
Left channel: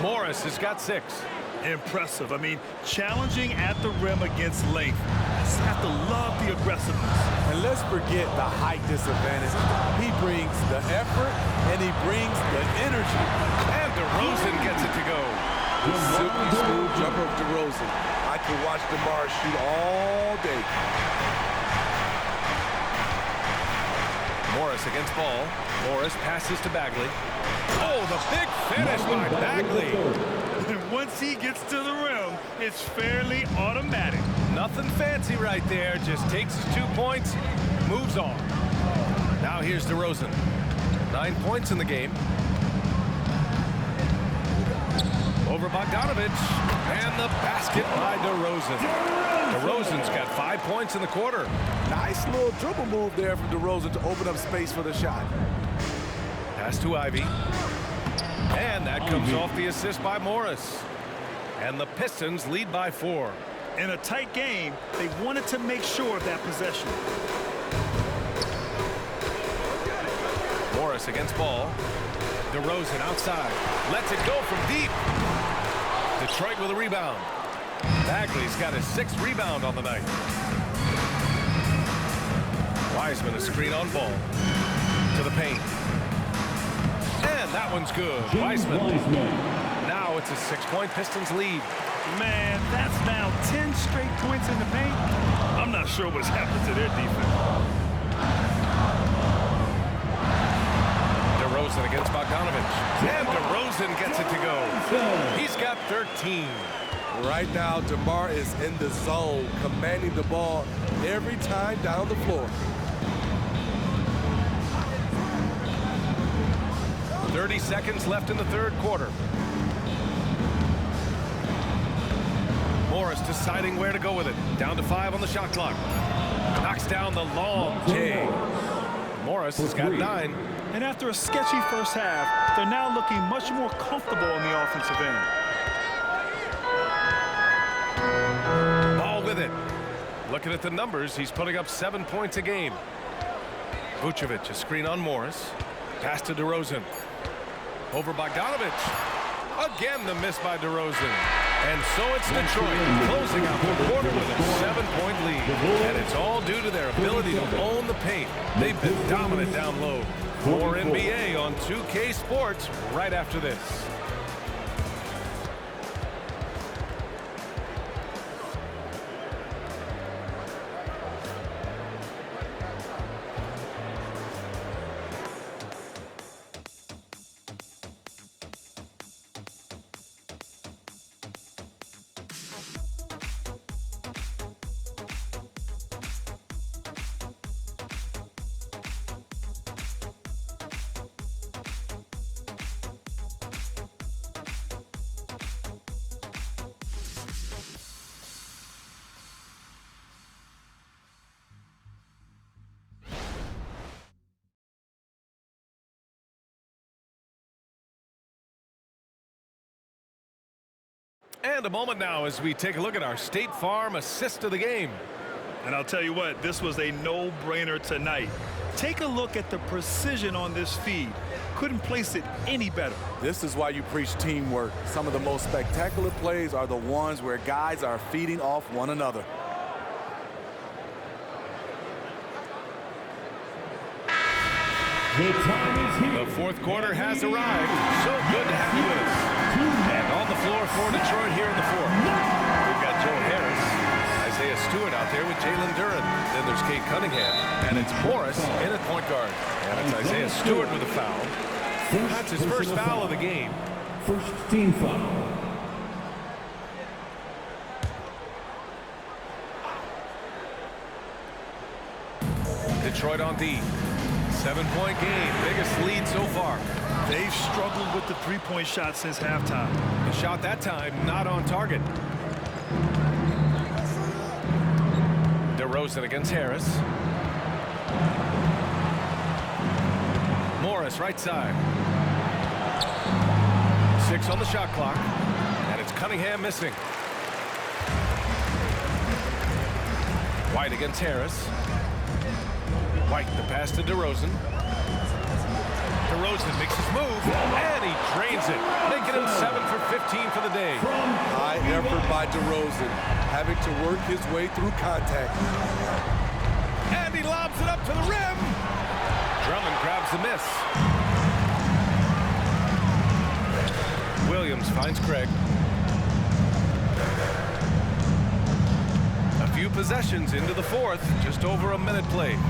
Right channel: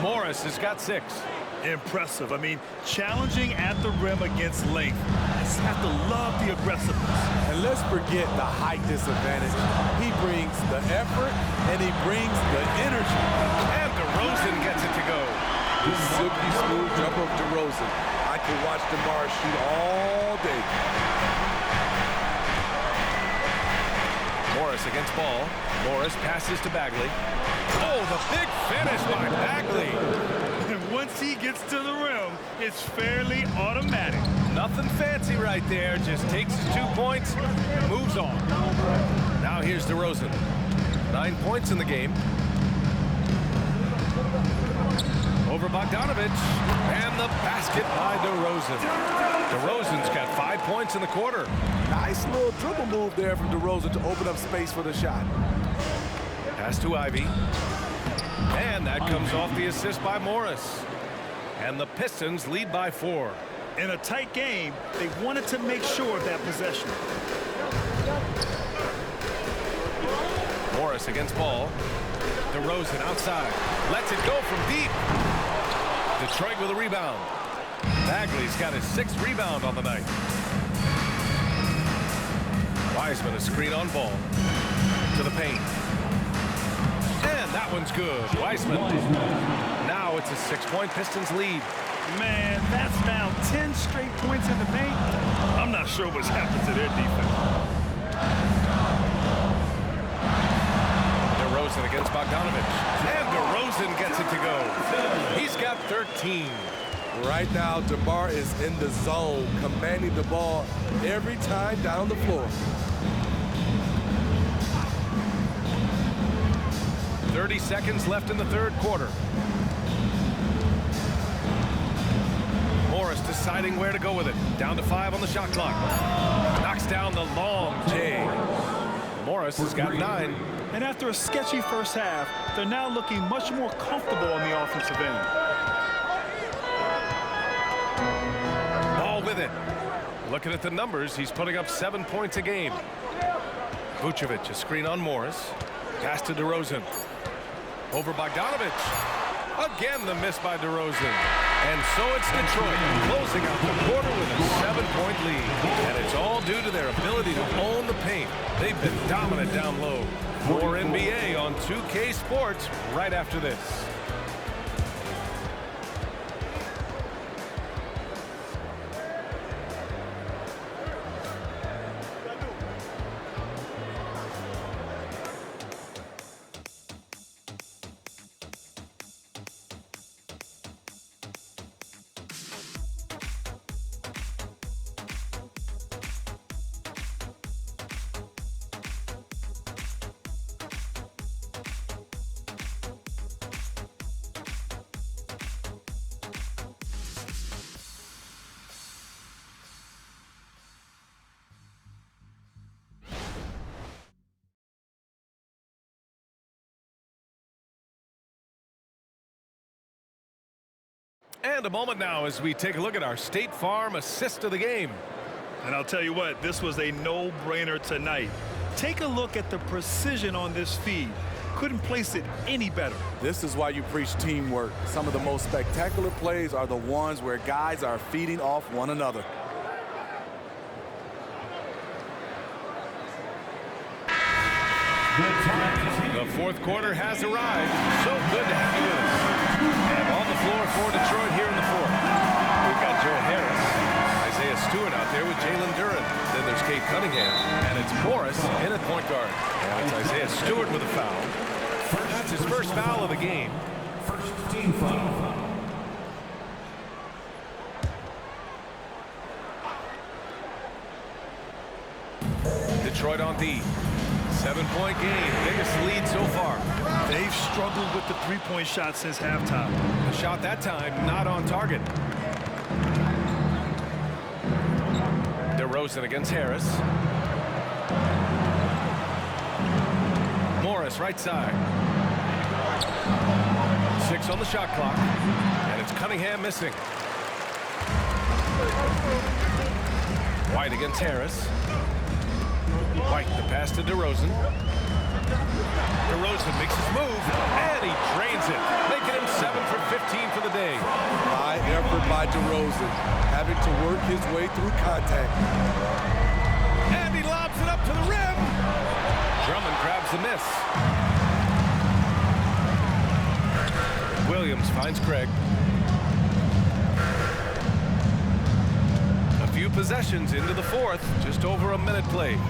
Morris has got 6. Impressive. I mean, challenging at the rim against length. You just have to love the aggressiveness. And let's forget the height disadvantage. He brings the effort, and he brings the energy. And DeRozan gets it to go. The silky smooth jumper of DeRozan. I could watch DeMar shoot all day. Morris against Ball. Morris passes to Bagley. Oh, the big finish by Bagley. And once he gets to the rim, it's fairly automatic. Nothing fancy right there. Just takes his 2 points, moves on. Now here's DeRozan. 9 points in the game. Over Bogdanovic. And the basket by DeRozan. DeRozan's got 5 points in the quarter. Nice little dribble move there from DeRozan to open up space for the shot. Pass to Ivy. And that comes off the assist by Morris. And the Pistons lead by 4. In a tight game, they wanted to make sure of that possession. Morris against ball. DeRozan outside. Lets it go from deep. Detroit with a rebound. Bagley's got his 6th rebound on the night. Wiseman a screen on ball. To the paint. And that one's good. Wiseman. Now it's a 6-point Pistons lead. Man, that's now 10 straight points in the paint. I'm not sure what's happened to their defense. DeRozan against Bogdanovich. And DeRozan gets it to go. He's got 13. Right now, DeMar is in the zone, commanding the ball every time down the floor. 30 seconds left in the 3rd quarter. Morris deciding where to go with it. Down to 5 on the shot clock. Knocks down the long J. Morris has got 9. And after a sketchy first half, they're now looking much more comfortable on the offensive end. Ball with it. Looking at the numbers, he's putting up 7 points a game. Vucevic, a screen on Morris. Pass to DeRozan. Over Bogdanovich. Again, the miss by DeRozan. And so it's Detroit closing out the quarter with a 7-point lead. And it's all due to their ability to own the paint. They've been dominant down low. More NBA on 2K Sports right after this. And a moment now as we take a look at our State Farm assist of the game. And I'll tell you what, this was a no-brainer tonight. Take a look at the precision on this feed. Couldn't place it any better. This is why you preach teamwork. Some of the most spectacular plays are the ones where guys are feeding off one another. The 4th quarter has arrived. So good to have you with us. And on the floor for Detroit here in the 4th. We've got Joe Harris, Isaiah Stewart out there with Jalen Duren. Then there's Cade Cunningham. And it's Morris in at point guard. And it's Isaiah Stewart with a foul. That's his first foul of the game. First team foul. Detroit on D. 7-point game, biggest lead so far. They've struggled with the 3-point shot since halftime. The shot that time not on target. DeRozan against Harris. Morris right side. 6 on the shot clock. And it's Cunningham missing. White against Harris. White, the pass to DeRozan. DeRozan makes his move, and he drains it, making him 7 for 15 for the day. High effort by DeRozan, having to work his way through contact. And he lobs it up to the rim. Drummond grabs the miss. Williams finds Craig. A few possessions into the 4th, just over a minute played.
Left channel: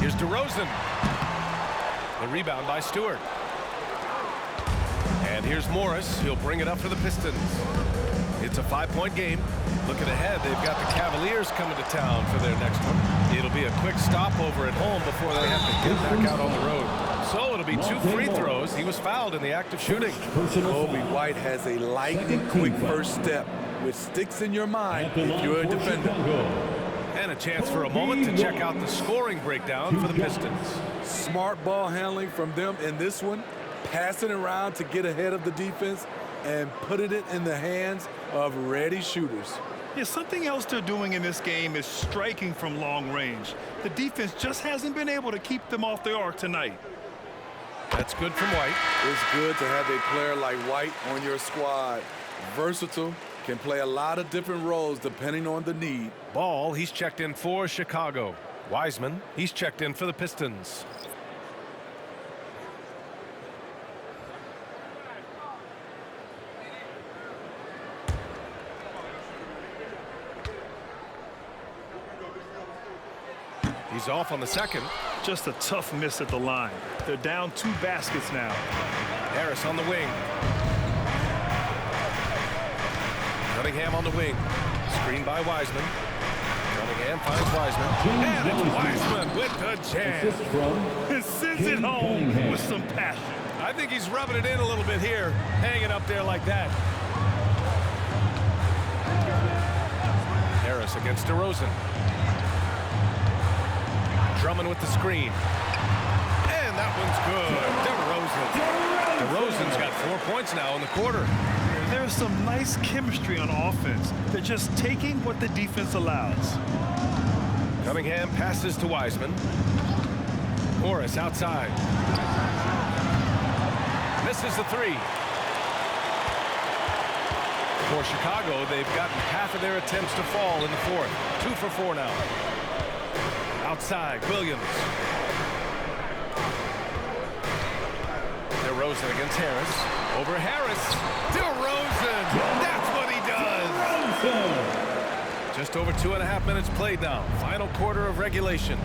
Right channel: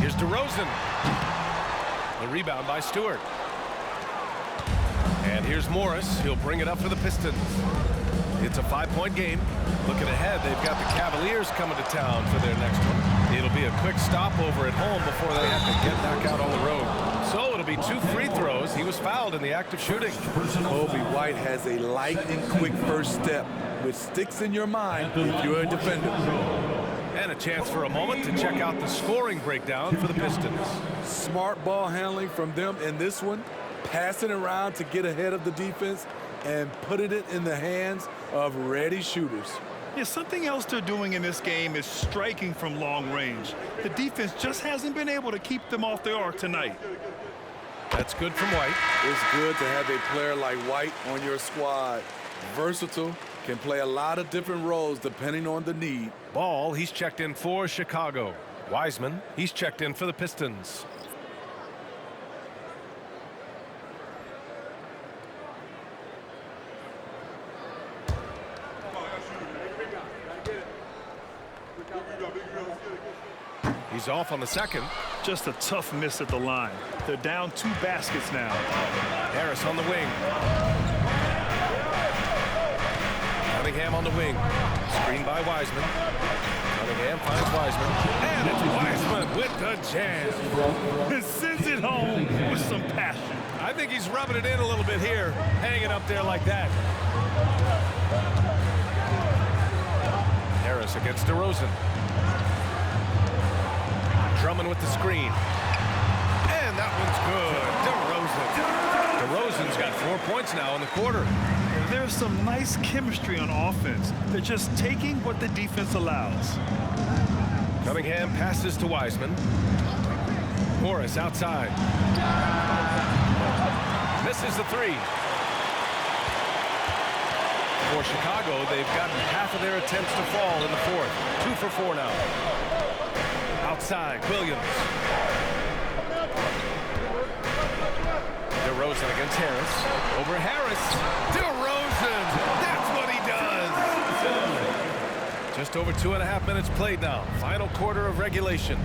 Here's DeRozan. The rebound by Stewart. And here's Morris. He'll bring it up for the Pistons. It's a 5-point game. Looking ahead, they've got the Cavaliers coming to town for their next one. It'll be a quick stopover at home before they have to get back out on the road. So it'll be 2 free throws. He was fouled in the act of shooting. Kobe White has a lightning quick first step, which sticks in your mind if you're a defender. And a chance for a moment to check out the scoring breakdown for the Pistons. Smart ball handling from them in this one, passing around to get ahead of the defense and putting it in the hands of ready shooters. Yeah, something else they're doing in this game is striking from long range. The defense just hasn't been able to keep them off the arc tonight. That's good from White. It's good to have a player like White on your squad. Versatile, can play a lot of different roles depending on the need. Ball, he's checked in for Chicago. Wiseman, he's checked in for the Pistons. He's off on the second. Just a tough miss at the line. They're down 2 baskets now. Harris on the wing. Cunningham on the wing. Screen by Wiseman. Cunningham finds Wiseman. And it's Wiseman with the jam. It sends it home with some passion. I think he's rubbing it in a little bit here, hanging up there like that. Harris against DeRozan. Drummond with the screen. And that one's good. DeRozan. DeRozan's got 4 points now in the quarter. There's some nice chemistry on offense. They're just taking what the defense allows. Cunningham passes to Wiseman. Morris outside. Misses the 3. For Chicago, they've gotten half of their attempts to fall in the fourth. 2 for 4 now. Outside, Williams. DeRozan against Harris. Over Harris. DeRozan. That's what he does. Just over 2.5 minutes played now. Final quarter of regulation.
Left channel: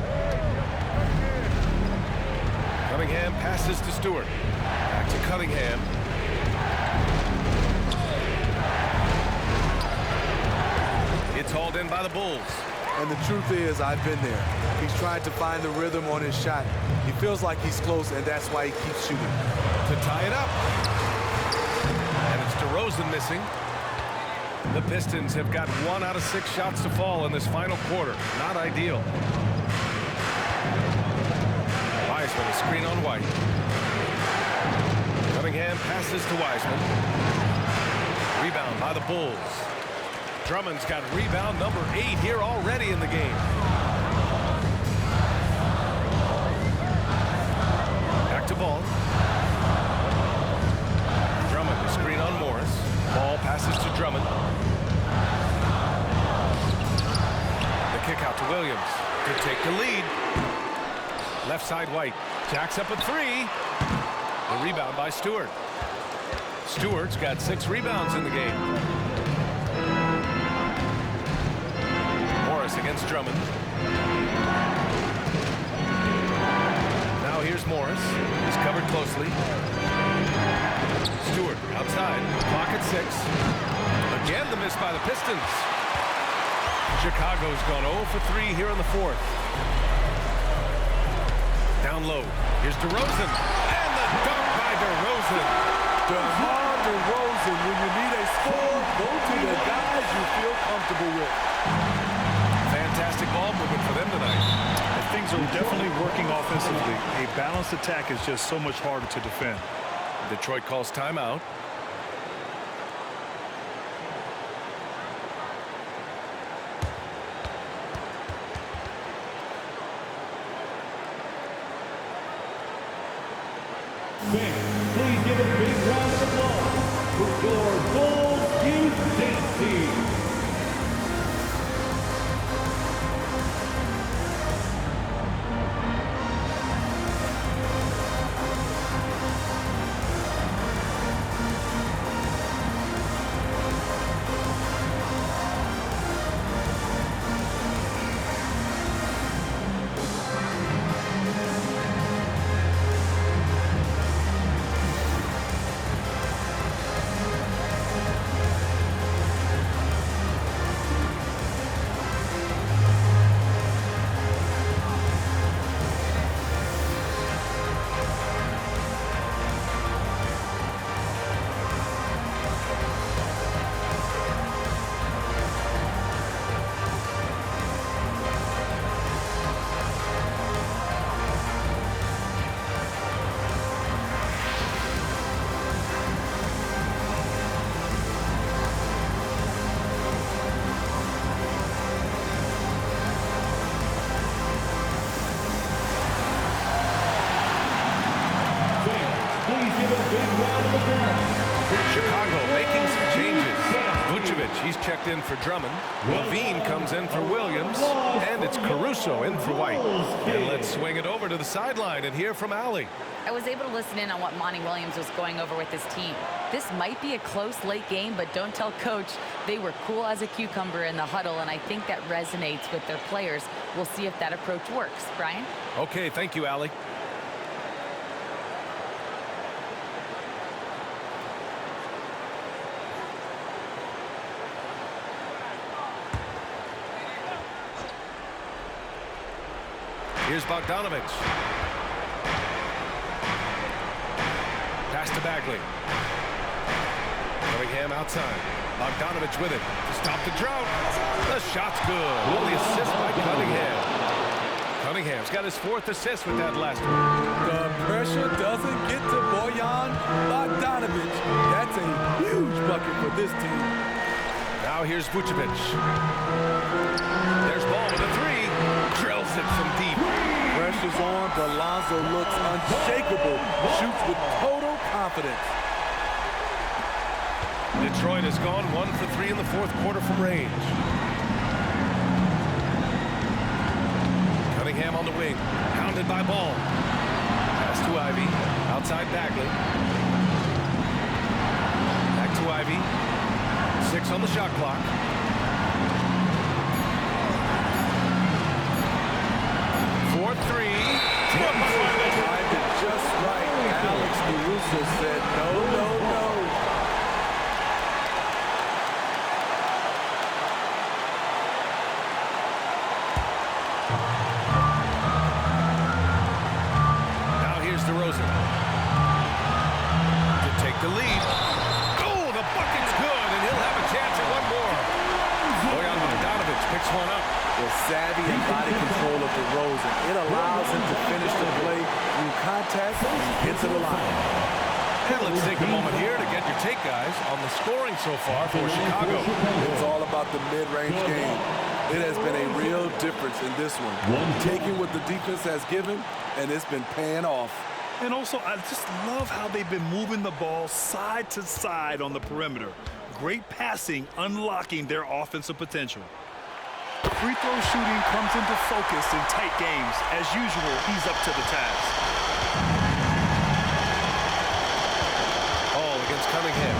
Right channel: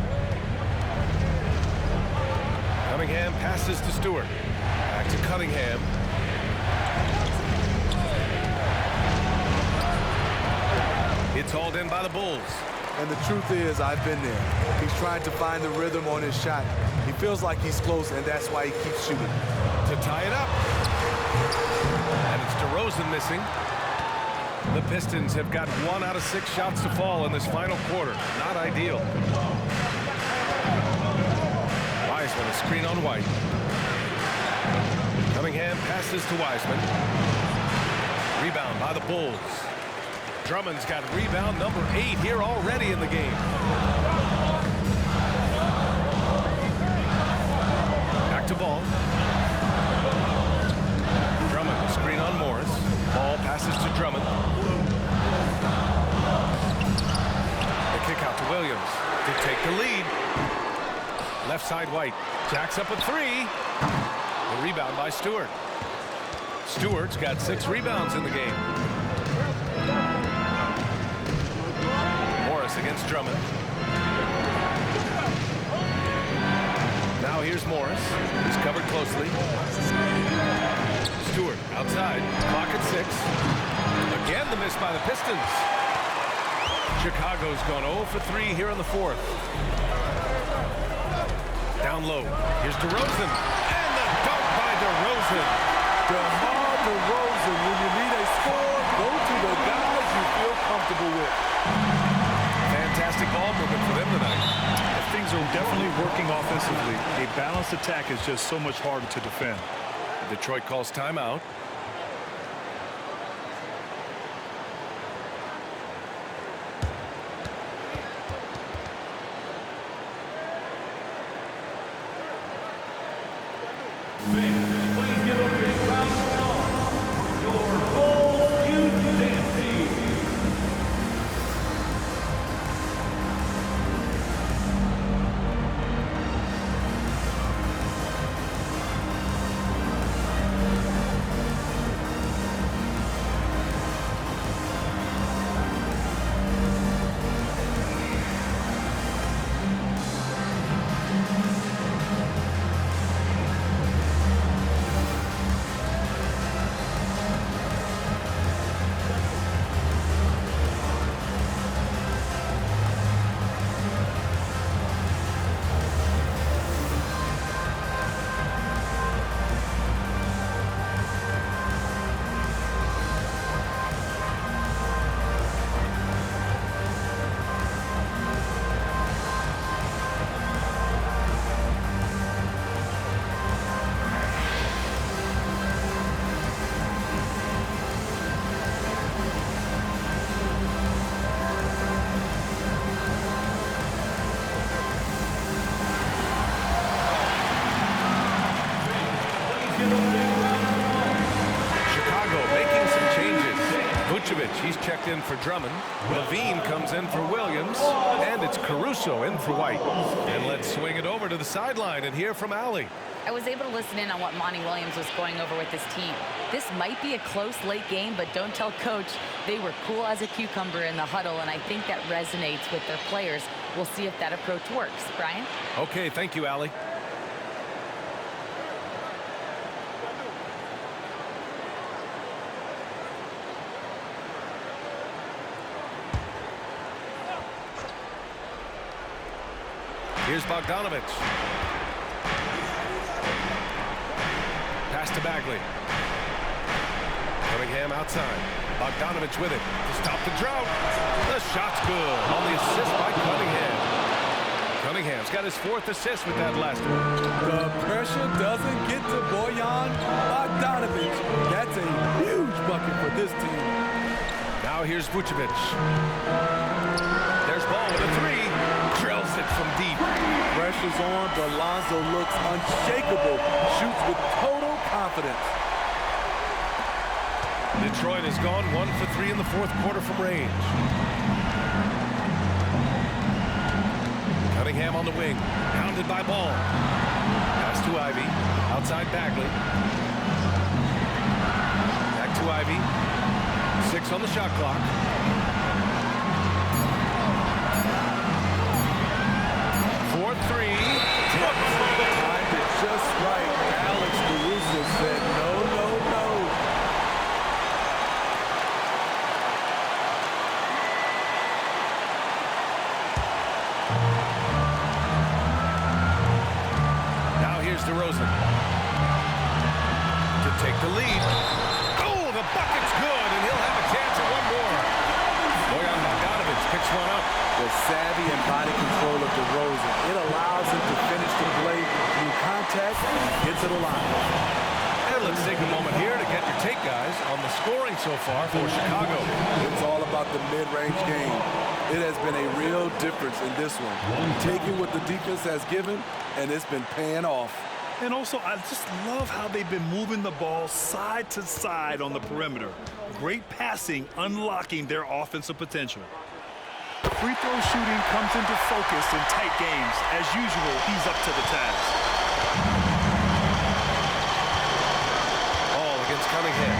Cunningham passes to Stewart. Back to Cunningham. It's hauled in by the Bulls. And the truth is, I've been there. He's trying to find the rhythm on his shot. He feels like he's close, and that's why he keeps shooting. To tie it up. And it's DeRozan missing. The Pistons have got 1 out of 6 shots to fall in this final quarter. Not ideal. Wiseman, a screen on White. Cunningham passes to Wiseman. Rebound by the Bulls. Drummond's got rebound number 8 here already in the game. Back to Ball. Drummond, the screen on Morris. Ball passes to Drummond. The kick out to Williams to take the lead. Left side White. Jacks up a 3. The rebound by Stewart. Stewart's got 6 rebounds in the game. Morris against Drummond. Now here's Morris. He's covered closely. Stewart outside. Clock at 6. Again the miss by the Pistons. Chicago's gone 0 for 3 here in the fourth. Down low. Here's DeRozan. And the dunk by DeRozan. DeMar DeRozan, when you need a score, go to the guys you feel comfortable with. Fantastic ball movement for them tonight. And things are definitely working offensively. A balanced attack is just so much harder to defend. Detroit calls timeout. Please give a big round of applause for your Bulls Youth Dance Team. Chicago making some changes. Vucevic, he's checked in for Drummond. Levine comes in for Williams. And it's Caruso in for White. And let's swing it over to the sideline and hear from Allie. I was able to listen in on what Monty Williams was going over with his team. This might be a close late game, but don't tell Coach. They were cool as a cucumber in the huddle, and I think that resonates with their players. We'll see if that approach works. Brian? Okay, thank you, Allie. Here's Bogdanovich. Pass to Bagley. Cunningham outside. Bogdanovich with it to stop the drought. The shot's good on the assist by Cunningham. Cunningham's got his 4th assist with that last one. The pressure doesn't get to Bojan Bogdanovich. That's a huge bucket for this team. Now here's Vucevic. There's Ball with a 3. Drills it from deep. Pressure's on, but Lonzo looks unshakable. Shoots with total confidence. Detroit has gone 1 for 3 in the 4th quarter from range. Cunningham on the wing. Hounded by Ball. Pass to Ivy. Outside Bagley. Back to Ivy. 6 on the shot clock. Fourth 3. Timed it just right. Alex Caruso said no, no, no. Now here's DeRozan to take the lead. Oh, the bucket's good, and he'll have a chance at one more. Bojan Bogdanovich picks one up. The savvy and body control of DeRozan. It allows him to finish the play through contact and get to the line. And let's take a moment here to get your take, guys, on the scoring so far for Chicago. It's all about the mid-range game. It has been a real difference in this one. Taking what the defense has given, and it's been paying off. And also, I just love how they've been moving the ball side to side on the perimeter. Great passing, unlocking their offensive potential. Free throw shooting comes into focus in tight games. As usual, he's up to the task. Ball against Cunningham.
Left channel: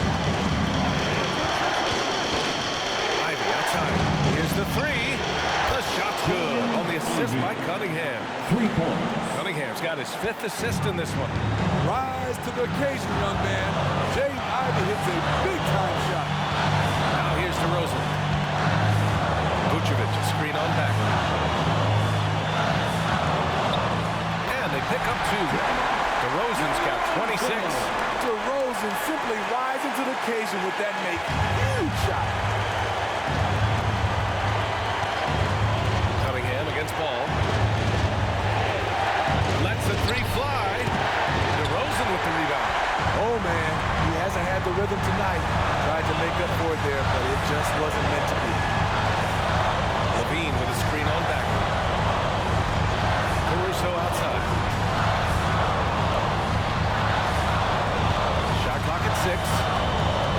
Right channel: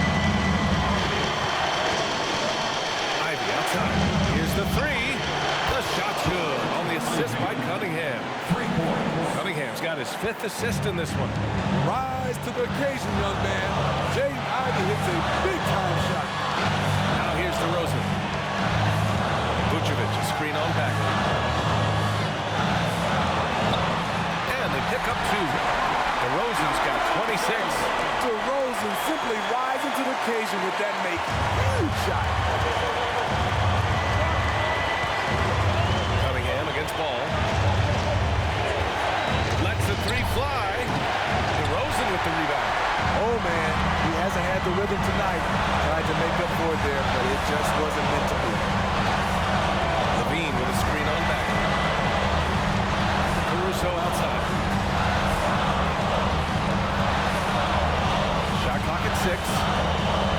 Ivy outside. Here's the 3. The shot's good on the assist by Cunningham. 3 points. Cunningham's got his 5th assist in this one. Rise to the occasion, young man. Jaden Ivey hits a big-time shot. Now here's DeRozan. Vucevic, a screen on Bagley. And they pick up 2. DeRozan's got 26. DeRozan simply rising to the occasion with that huge shot. Cunningham against Ball. Lets the 3 fly. DeRozan with the rebound. Oh, man, he hasn't had the rhythm tonight. Tried to make up for it there, but it just wasn't meant to be. Levine with a screen on Bagley. Caruso outside. Shot clock at 6.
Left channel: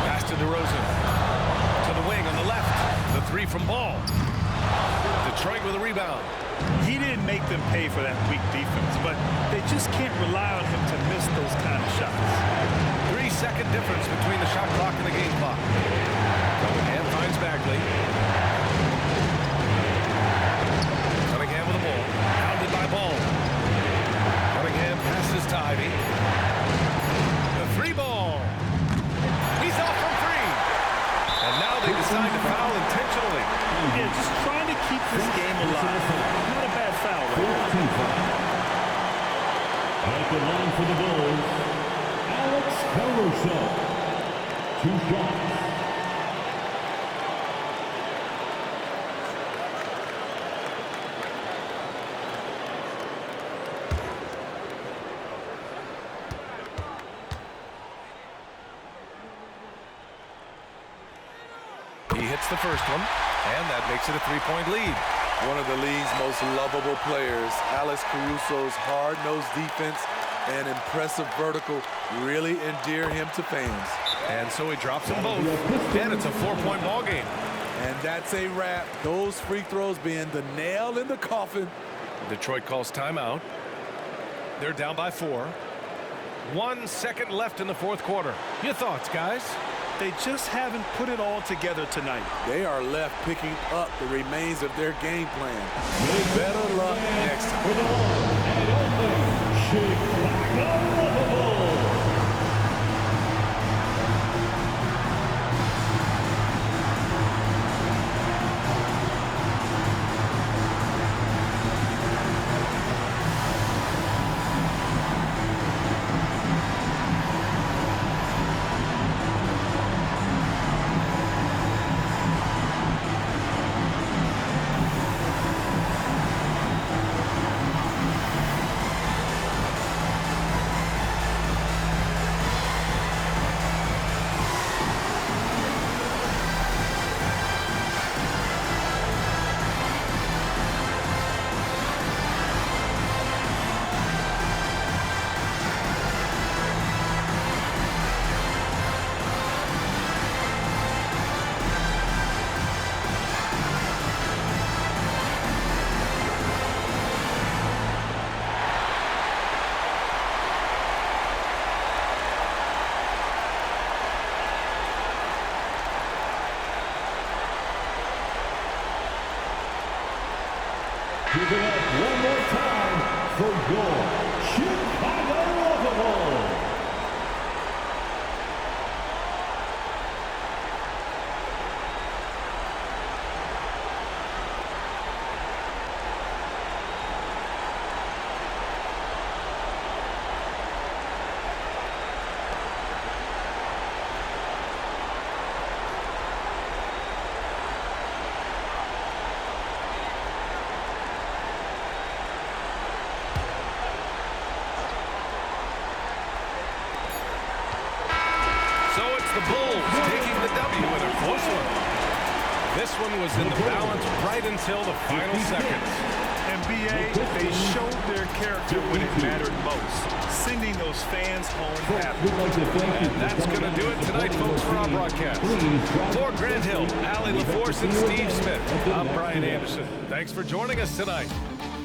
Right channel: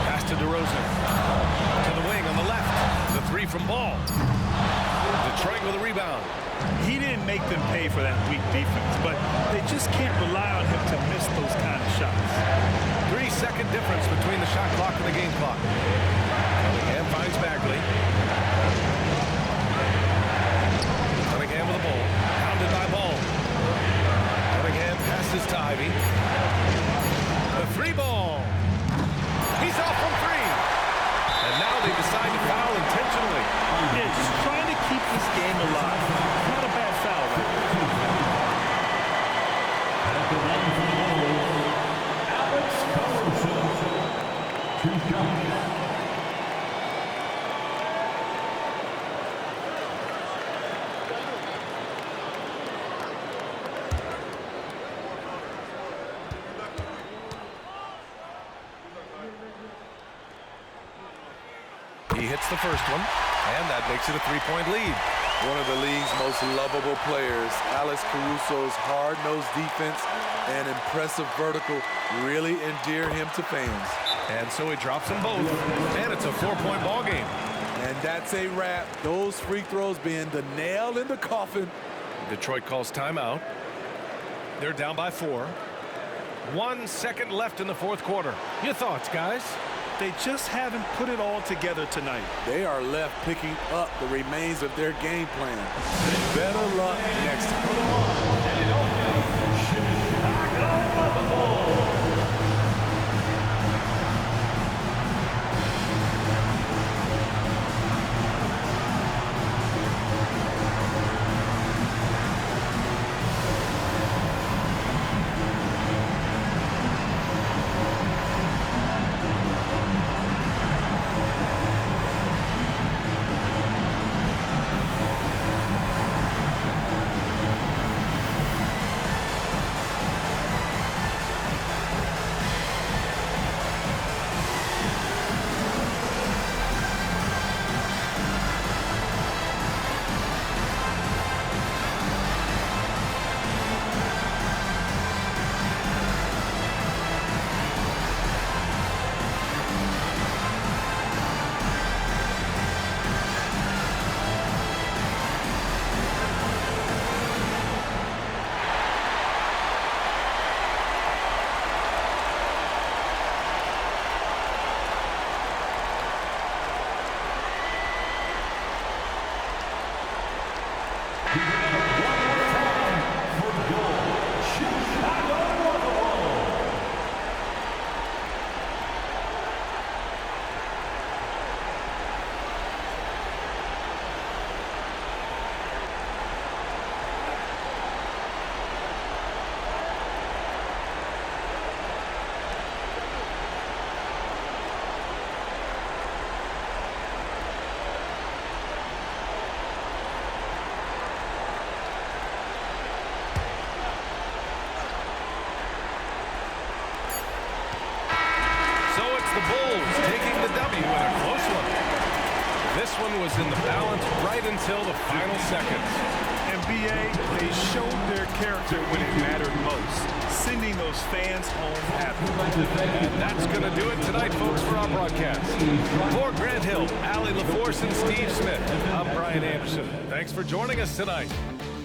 Pass to DeRozan. To the wing on the left. The 3 from Ball. Detroit with a rebound. He didn't make them pay for that weak defense, but they just can't rely on him to miss those kind of shots. 3-second difference between the shot clock and the game clock. Cunningham finds Bagley. Cunningham with the ball. Hounded by Ball. Cunningham passes to Ivy. The 3 ball. He's off from 3. And now they decide to foul intentionally. Yeah, just trying to keep this game alive. Not a bad foul right there. At the line for the Bulls, Alex Caruso. 2 shots. He hits the first one, and that makes it a 3-point lead. One of the league's most lovable players, Alex Caruso's hard-nosed defense and impressive vertical really endear him to fans. And so he drops them both, and it's a 4-point ball game. And that's a wrap. Those free throws being the nail in the coffin. Detroit calls timeout. They're down by 4. 1 second left in the fourth quarter. Your thoughts, guys? They just haven't put it all together tonight. They are left picking up the remains of their game plan. Better luck next time. Give it up one more time for your Chicago Bulls. So it's the Bulls taking the W in a close one. This one was in the balance right until the final seconds. NBA, they showed their character when it mattered most, sending those fans home happy. And that's going to do it tonight, folks, for our broadcast. For Grant Hill, Allie LaForce, and Steve Smith, I'm Brian Anderson. Thanks for joining us tonight.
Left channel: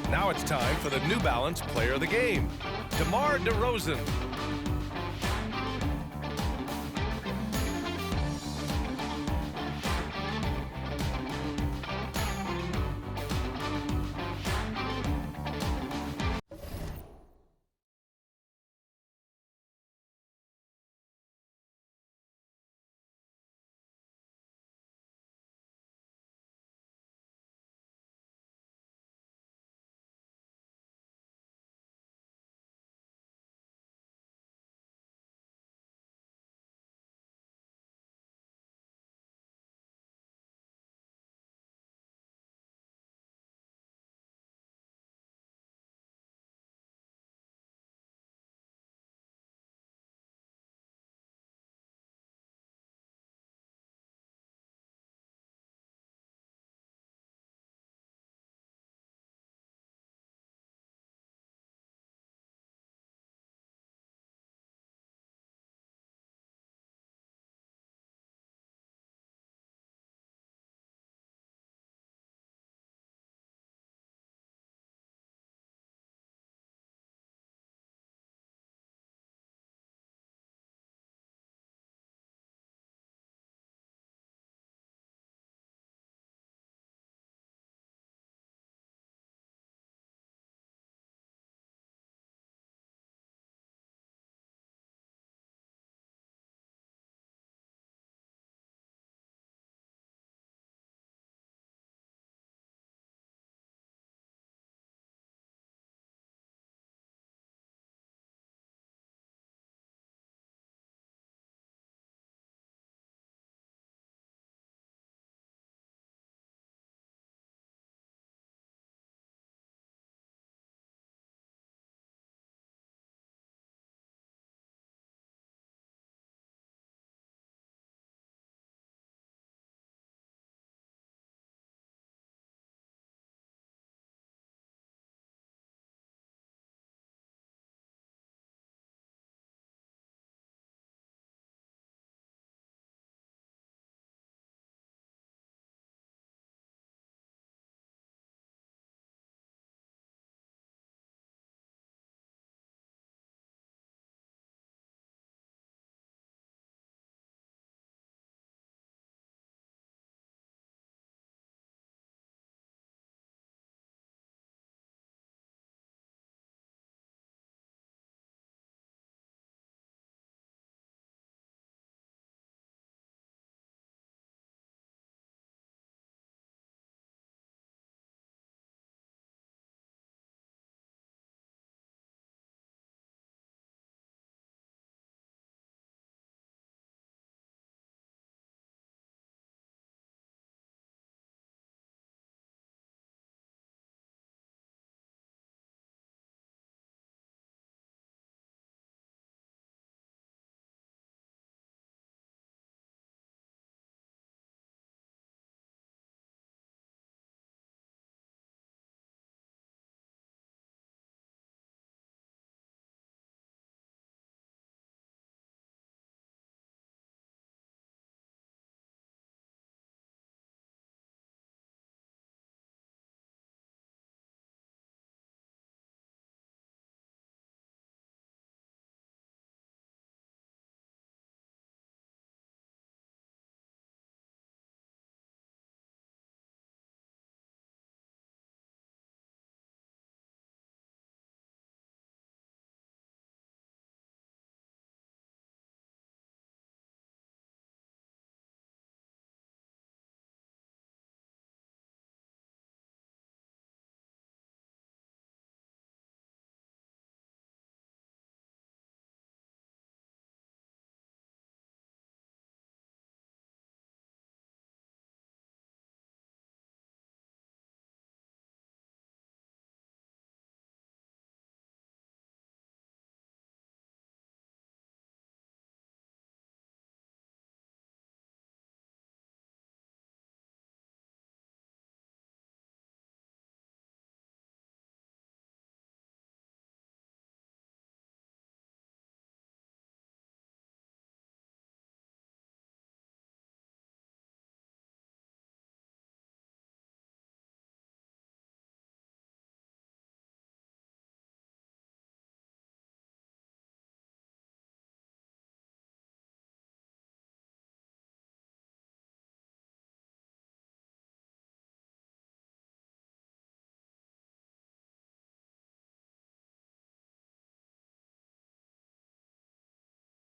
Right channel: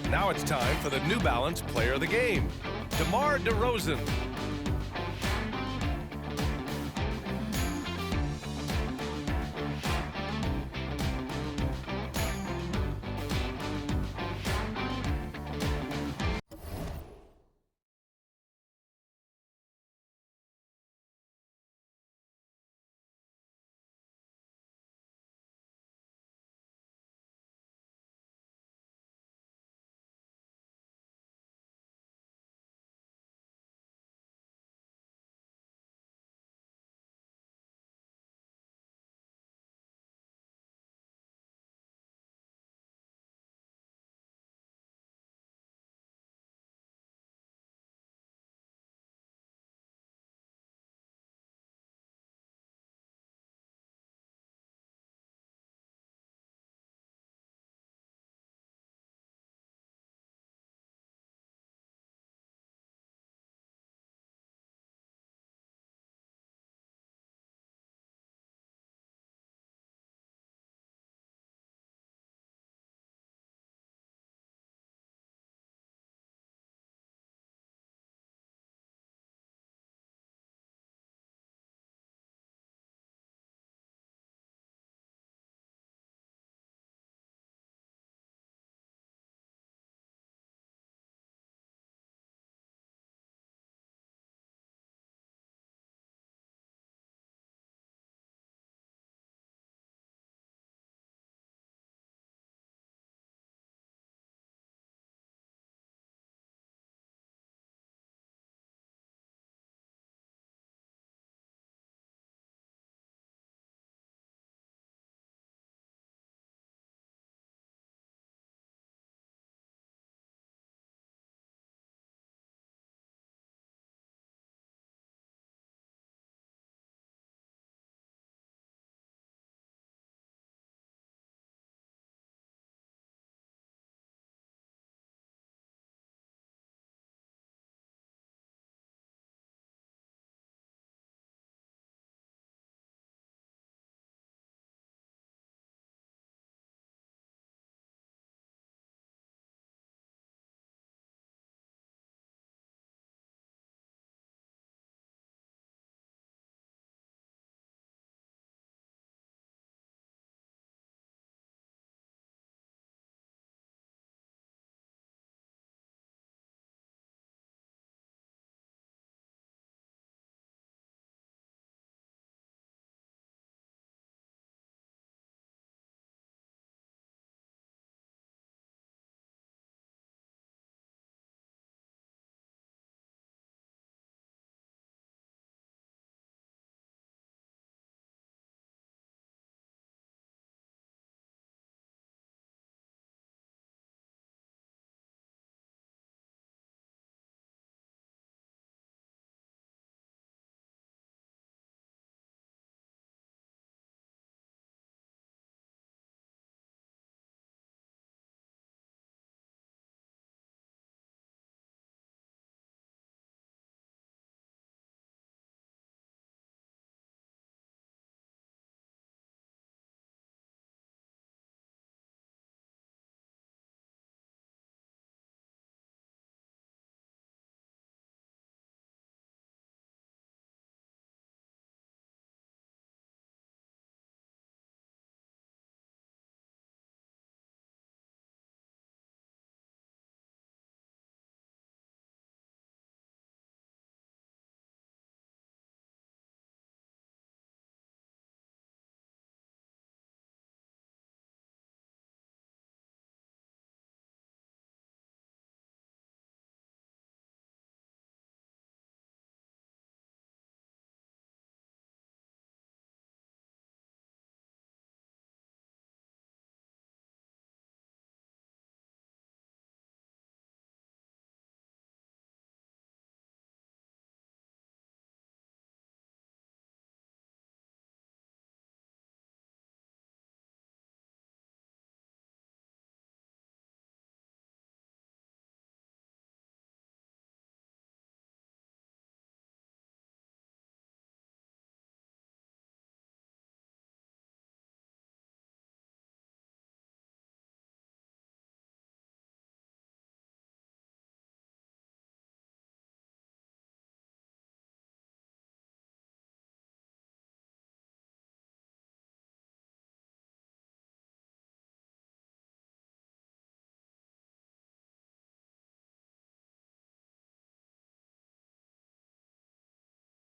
Now it's time for the New Balance Player of the Game, DeMar DeRozan.